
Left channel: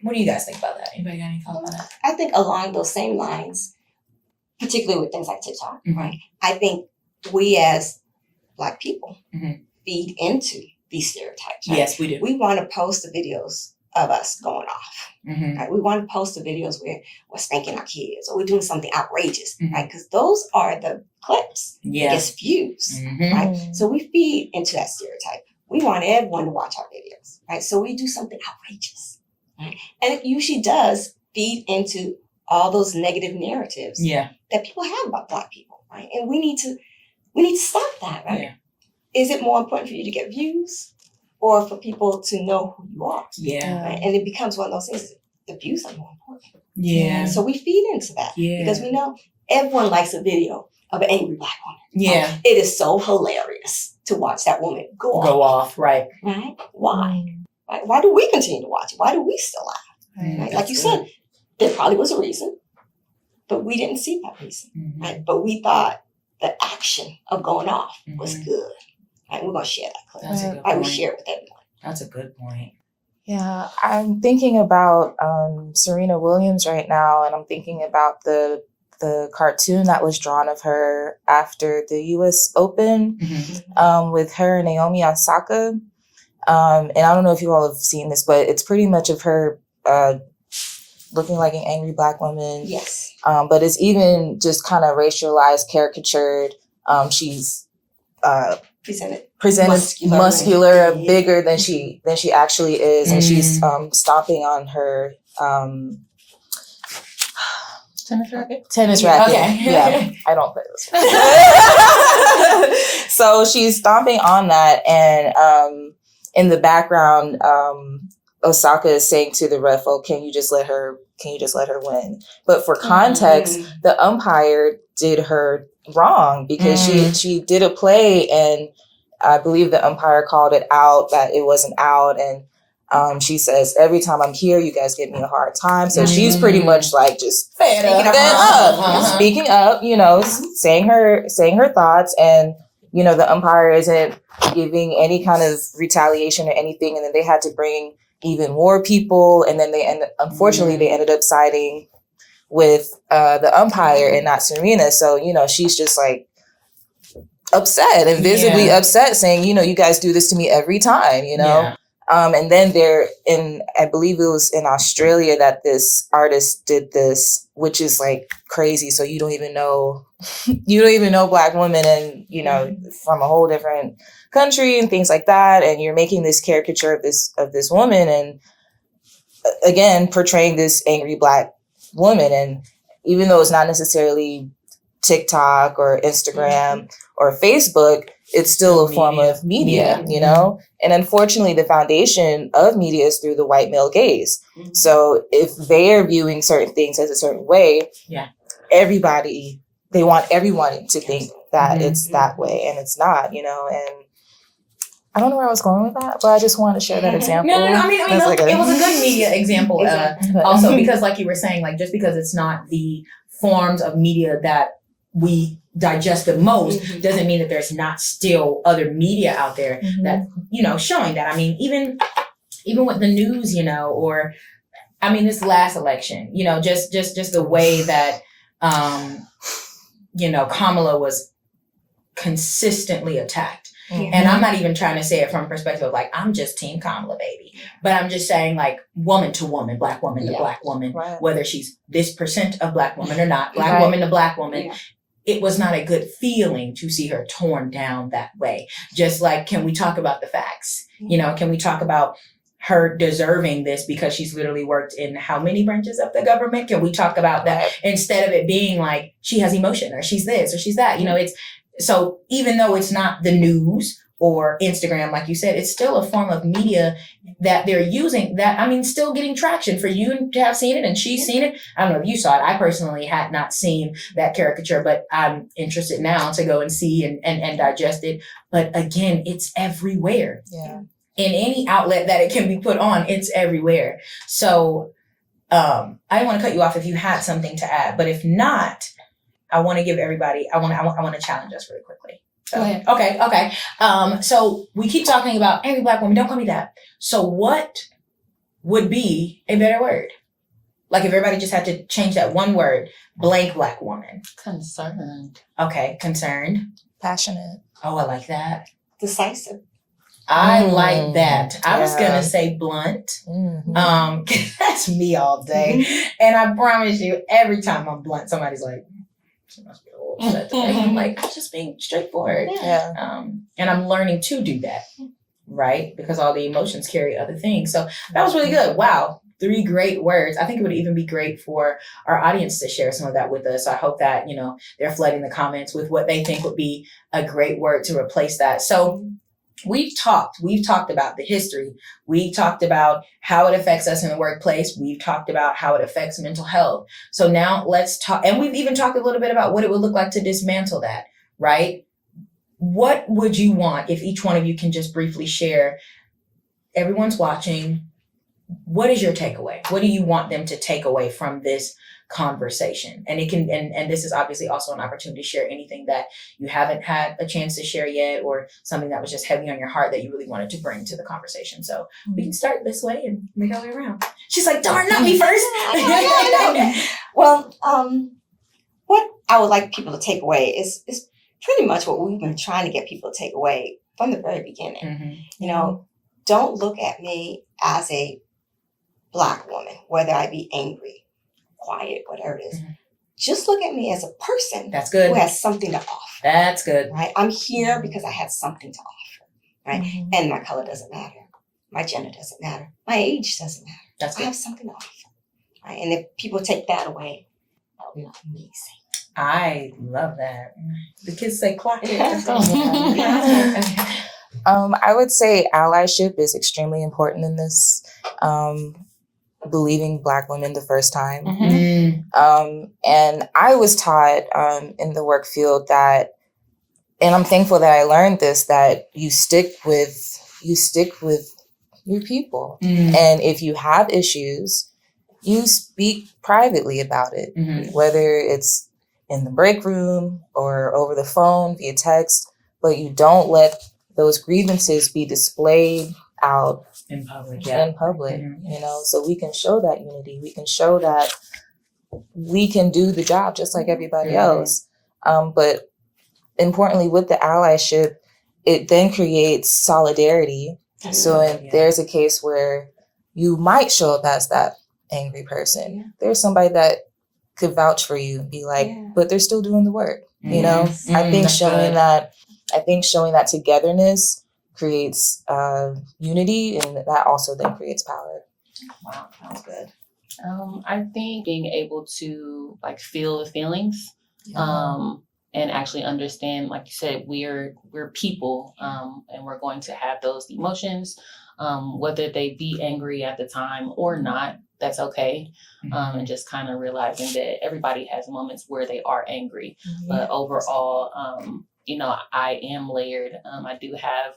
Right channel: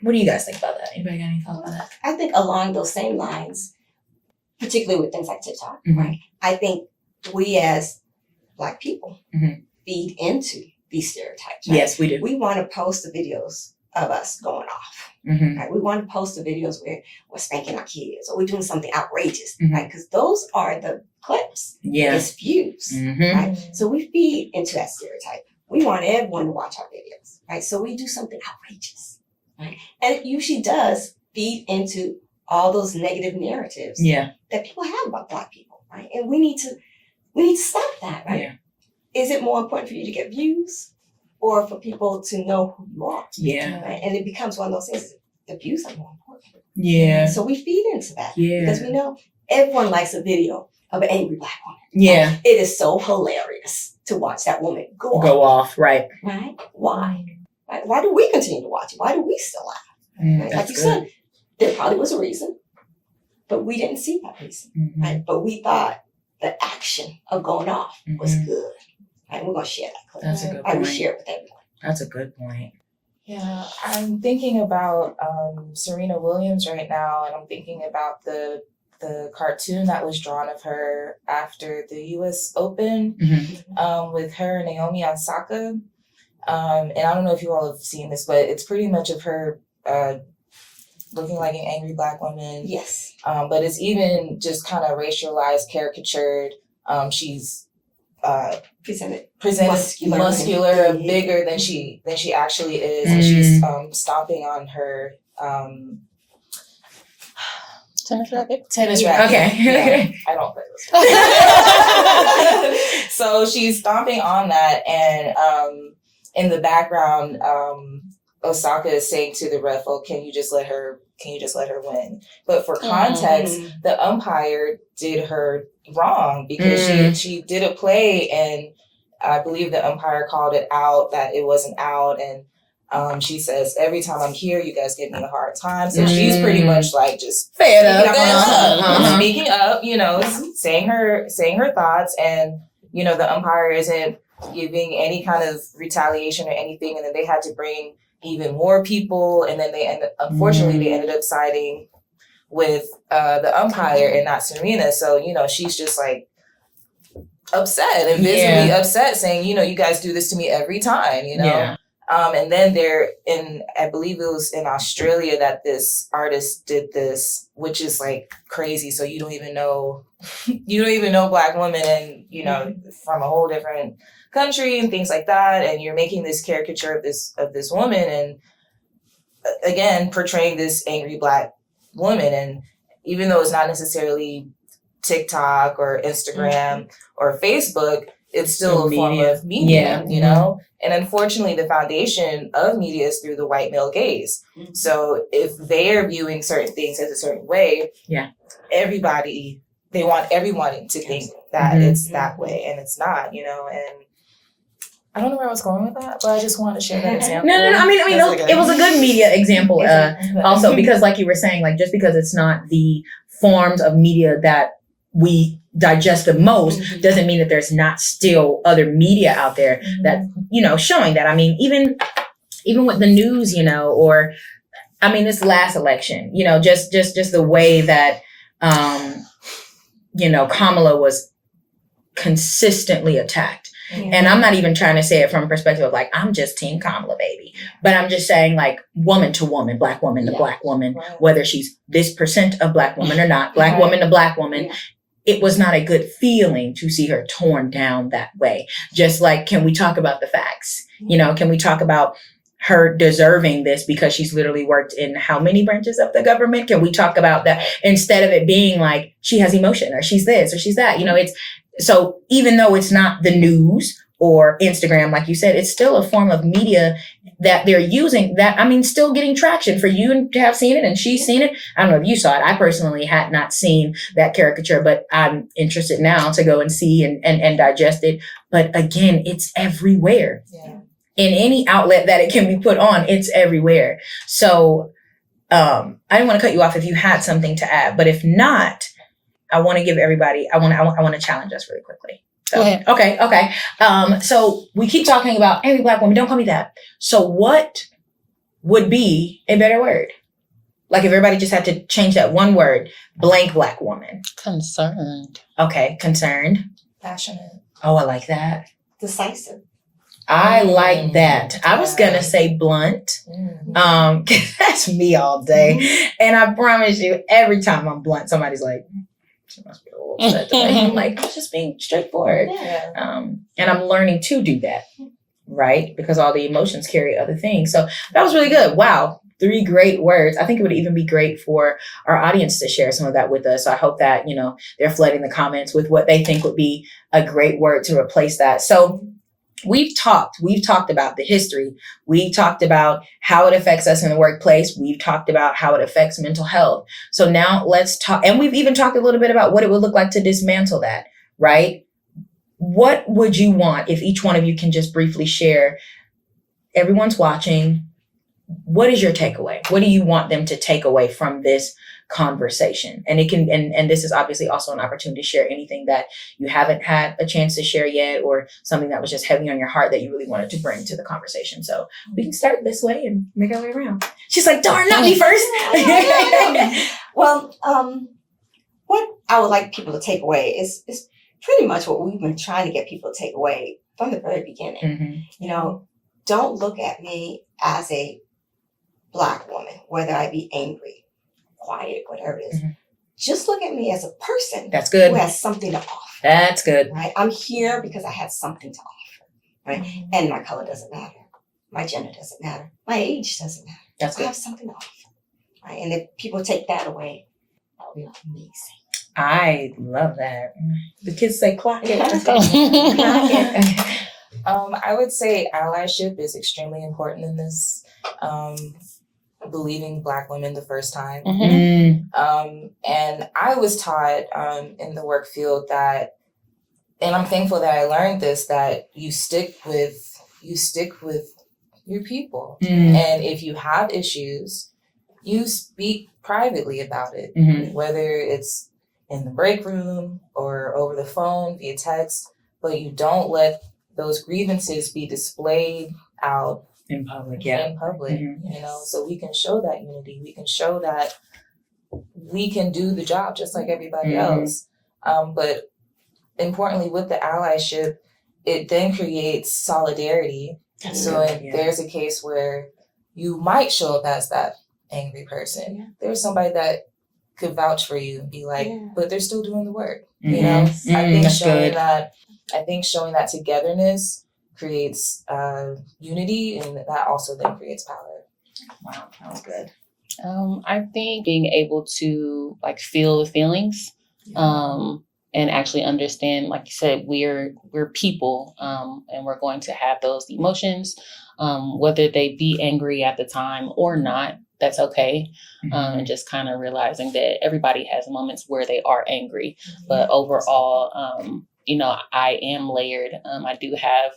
What do you guys think about that? Anybody got any thoughts on that? I think along those same lines, particularly with things like TikTok, Mhm. right? I think we as Black people Mhm. feed into these stereotypes. Right? Yes, we do. We want to post the videos of us going off. Mm-hmm. Right? We want to post the videos where we're spanking our kids or we're doing something outrageous, Mhm. right? Because those are the clips, Yeah. it's views, Mm-hmm. right? So we feed into that stereotype. We want everyone to watch our videos, right? So we do something outrageous, right? And it usually does feed into all those negative narratives Yeah. that people have about Black people, right? And we need to stop that, right? Yeah. Is it more important for you to get views or for people to know who you are? Yeah. Right? And it becomes one of those things, the views are more important. Yeah. So we feed into that Yeah. because we know everyone likes a video of an angry Black woman. Yeah. Right? It is so hilarious to watch that woman go Go off. off. Right. Right? Why? Right? Why do we continue to watch it? Why do we still laugh? Mm, Right? that's Like you good. said, there probably was a reason, but we didn't see that reason. Mhm. Right? But we thought the action of going off was Mhm. good. Right? We're going to share that clip. That's a good Right? We point. share it with everyone. That's a good point. Yeah, I'm thinking about Serena Williams right now, and I'm thinking about the cartoon that was drawn of her after the U.S. Open Mhm. with her and Naomi Osaka. And I don't know if you all have seen this, but it's pretty much of her looking like an angry Black woman. Yes. But it's even just kind of racialized, caricatured. She's presented muscular, bigger than she actually is, and she's stomping on her Tennis racket? tennis racket. Okay. Yeah, I don't play those. So she's stomping on that, and in the background, Osaka is saying to the ref, "Oh, can you just let her win?" But for context, the umpire did her wrong because she did a play, and I believe the umpire called it out, that it wasn't out, and she says, "Every time I'm here, you guys give me a hard time." So she's pretty much like just Fed up. speaking up, saying her thoughts, and the umpire isn't giving any kind of retaliation or anything, and then they had to bring even more people, and then unfortunately they ended up siding with the umpire and not Serena. So she's just like upset and visibly upset, saying, you guys do this to me every time, Yeah. And then I believe it was in Australia that this artist did this, which is like crazy. So you don't even know Black women, and from a whole different country and things like that, and you're making this caricature of this woman, and again portraying this angry Black woman. And even though it's not necessarily TikTok or Instagram or Facebook, it's still a form of media, And unfortunately, the foundation of media is through the white male gaze. So if they're viewing certain things as a certain way, they want everyone to think that it's that way, and it's not, and I don't know where I was going with that, but I just wanted to share that example. No. I mean, it was a good media example. Also, because like you were saying, like just because it's not the forms of media that we digest the most doesn't mean that there's not still other media out there that, showing that. I mean, even with the news, or, I mean, this last election, just the way that, Kamala was consistently attacked. And I'm not even trying to say it from a perspective of like, I'm just team Kamala, baby. But I'm just saying like woman to woman, Black woman to Black woman, whether she's this percent of Black woman or not, Black woman to Black woman. Yeah. It was not a good feeling to see her torn down that way. Just like, can we talk about the facts? Can we talk about her deserving this because she's literally worked in how many branches of the government? Can we talk about that instead of it being like she has emotion or she's this or she's that? It's so even though it's not the news or Instagram, like you said, it's still a form of media that they're using that, I mean, still getting traction for you to have seen it and she's seen it. I don't know if you saw it. I personally had not seen that caricature, but I'm interested now to go and see and digest it. But again, it's everywhere. Yeah. In any outlet that it can be put on, it's everywhere. So I didn't want to cut you off if you had something to add, but if not, I want to give everybody, I want to challenge us really quickly. So, okay. So we keep talking about angry Black woman, don't call me that. So what would be a better word? Like if everybody just had to change that one word, blank Black woman. Concerned. Okay, concerned. Passionate. Oh, I like that. Decisive. I like that. I was gonna say blunt. That's me all day. And I promise you, every time I'm blunt, somebody's like, she must be a little upset today. I'm like, I'm just being straightforward. Yeah. And I'm learning to do that, right? Because all the emotions carry other things. So that was really good. Wow. 3 great words. I think it would even be great for our audience to share some of that with us. So I hope that, they're flooding the comments with what they think would be a great word to replace that. So we've talked about the history. We talked about how it affects us in the workplace. We've talked about how it affects mental health. So now let's talk, and we've even talked a little bit about what it would look like to dismantle that, right? What would you want if each one of you can just briefly share? Everyone's watching. What is your takeaway? What do you want them to take away from this conversation? And it can, and this is obviously also an opportunity to share anything that you haven't had a chance to share yet, or something that was just heavy on your heart that you really wanted to bring to the conversation. So we can start this way and make our way around. She's like, darn, not me first. Well, what I would like people to take away is pretty much what we've been trying to get people to take away from the very beginning. Don't look at me as a Black woman, whether I be angry, quiet, whatever it is. Just look at me as a person. That's good. Who has something to offer. That's good. Right? I'm here because I have something to offer. Right? And my color doesn't matter. My gender doesn't matter. My age doesn't matter. That's I good. have something to offer. Right? And if people take that away, that would be amazing. I love that. The kids say clock it. I would say allyship is extremely important in this. Believing Black women the first time. And I was taught in the work field that, and I'm thankful that I learned this, that you stick with your people. And if you have issues, you speak privately about it, whether it's in the break room or over the phone via text, but you don't let those grievances be displayed out in public, so we can show that unity. We can show that we can do the job just like everybody else. But importantly, with the allyship, it then creates solidarity. So if there's a case where you might show up as that angry person, there's somebody that could vouch for you and be like, but they're still doing the work. I think showing that togetherness creates unity, and that also then creates power. Wow, sounds good. I think being able to feel the feelings, and actually understand, like you said, we're people, and we're going to have those emotions, whether they be angry at the time or not. That's okay. And just kind of realizing that everybody has moments where they are angry, but overall, I am layered. I do have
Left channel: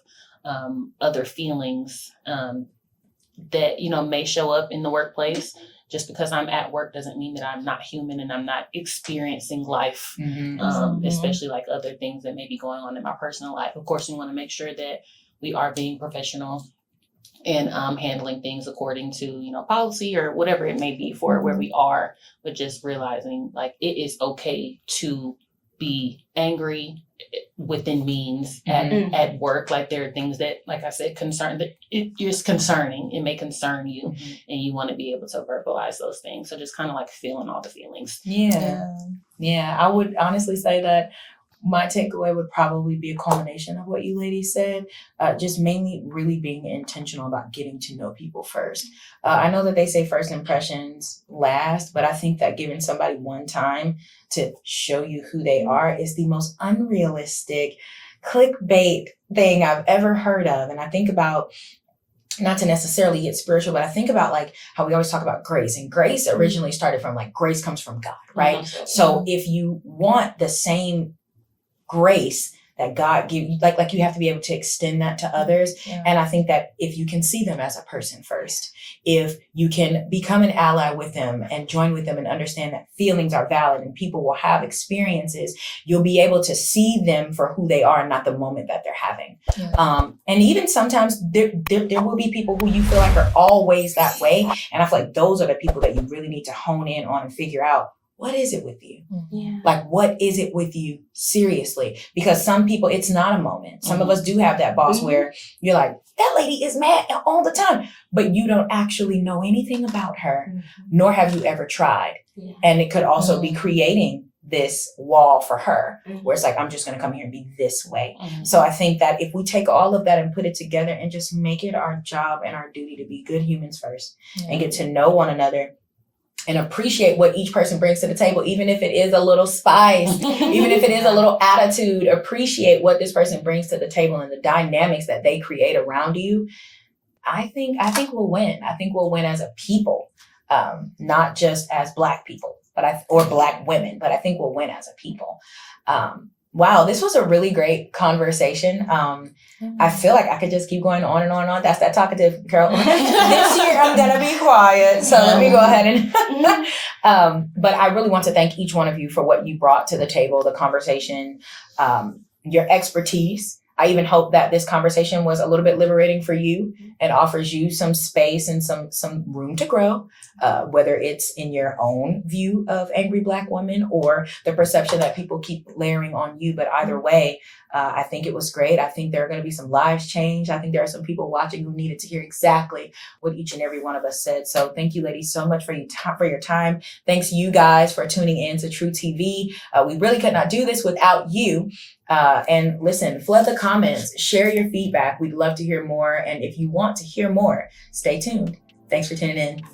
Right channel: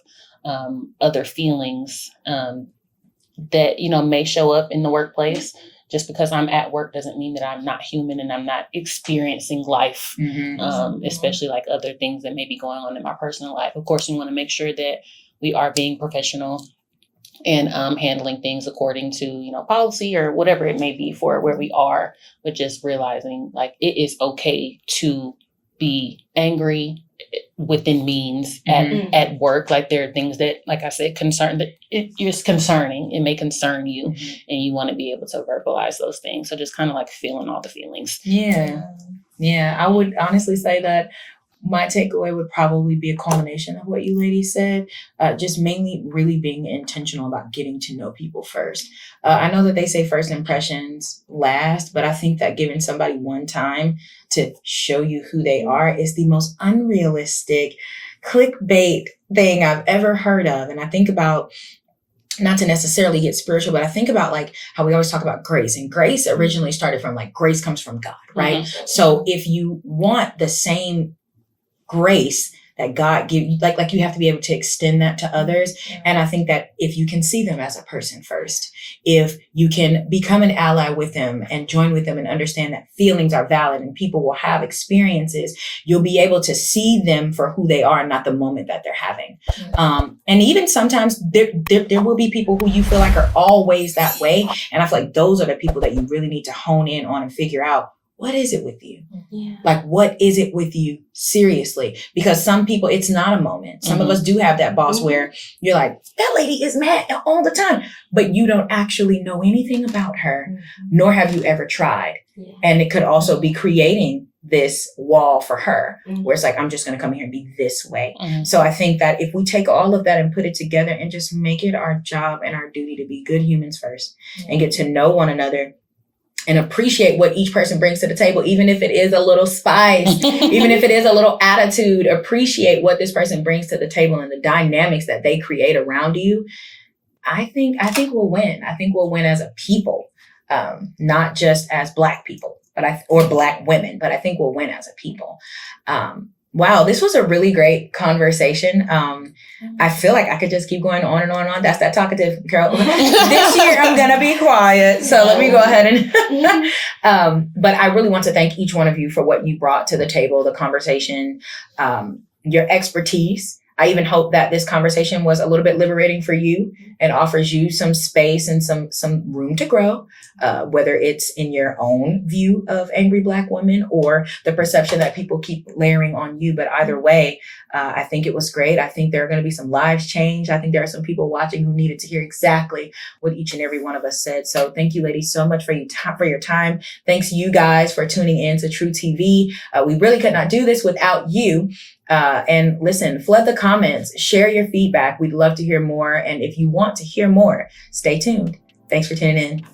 other feelings that, may show up in the workplace. Just because I'm at work doesn't mean that I'm not human and I'm not experiencing life, especially other things that may be going on in my personal life. Of course, we want to make sure that we are being professional and handling things according to, policy or whatever it may be for where we are, but just realizing it is okay to be angry within means at work. There are things that, like I said, it's concerning. It may concern you, and you want to be able to verbalize those things. So just kind of feeling all the feelings. Yeah. I would honestly say that my takeaway would probably be a culmination of what you ladies said, just mainly really being intentional about getting to know people first. I know that they say first impressions last, but I think that giving somebody one time to show you who they are is the most unrealistic clickbait thing I've ever heard of. And I think about, not to necessarily get spiritual, but I think about like how we always talk about grace, and grace originally started from like grace comes from God, right? Mm-hmm. So if you want the same grace that God gives you, like you have to be able to extend that to others. Yeah. And I think that if you can see them as a person first, if you can become an ally with them and join with them and understand that feelings are valid and people will have experiences, you'll be able to see them for who they are and not the moment that they're having. Yeah. And even sometimes there will be people who you feel like are always that way. And I feel like those are the people that you really need to hone in on and figure out, what is it with you? Yeah. Like, what is it with you? Seriously, because some people, it's not a moment. Some of us do have that boss where you're like, that lady is mad all the time, but you don't actually know anything about her, nor have you ever tried. Yeah. And it could also be creating this wall for her where it's like, I'm just going to come here and be this way. So I think that if we take all of that and put it together and just make it our job and our duty to be good humans first and get to know one another and appreciate what each person brings to the table, even if it is a little spice, even if it is a little attitude, appreciate what this person brings to the table and the dynamics that they create around you. I think we'll win. I think we'll win as a people, not just as Black people, or Black women, but I think we'll win as a people. Wow, this was a really great conversation. I feel like I could just keep going on and on and on. That's that talkative girl. This year I'm gonna be quiet. So let me go ahead and but I really want to thank each one of you for what you brought to the table, the conversation, your expertise. I even hope that this conversation was a little bit liberating for you and offers you some space and some room to grow, whether it's in your own view of angry Black women or the perception that people keep layering on you. But either way, I think it was great. I think there are going to be some lives changed. I think there are some people watching who needed to hear exactly what each and every one of us said. So thank you, ladies, so much for your time. Thanks you guys for tuning in to True TV. We really could not do this without you. And listen, flood the comments, share your feedback. We'd love to hear more. And if you want to hear more, stay tuned. Thanks for tuning in.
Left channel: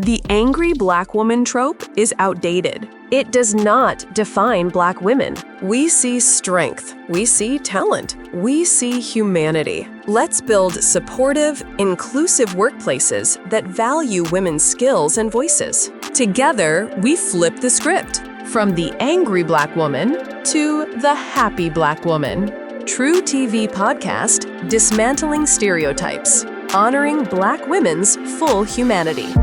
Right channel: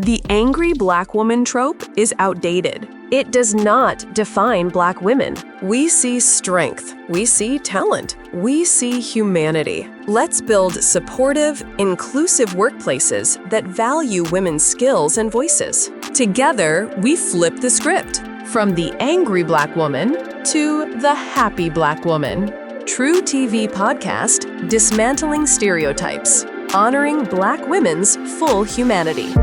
The angry Black woman trope is outdated. It does not define Black women. We see strength. We see talent. We see humanity. Let's build supportive, inclusive workplaces that value women's skills and voices. Together, we flip the script. From the angry Black woman to the happy Black woman. True TV podcast, Dismantling Stereotypes, honoring Black women's full humanity.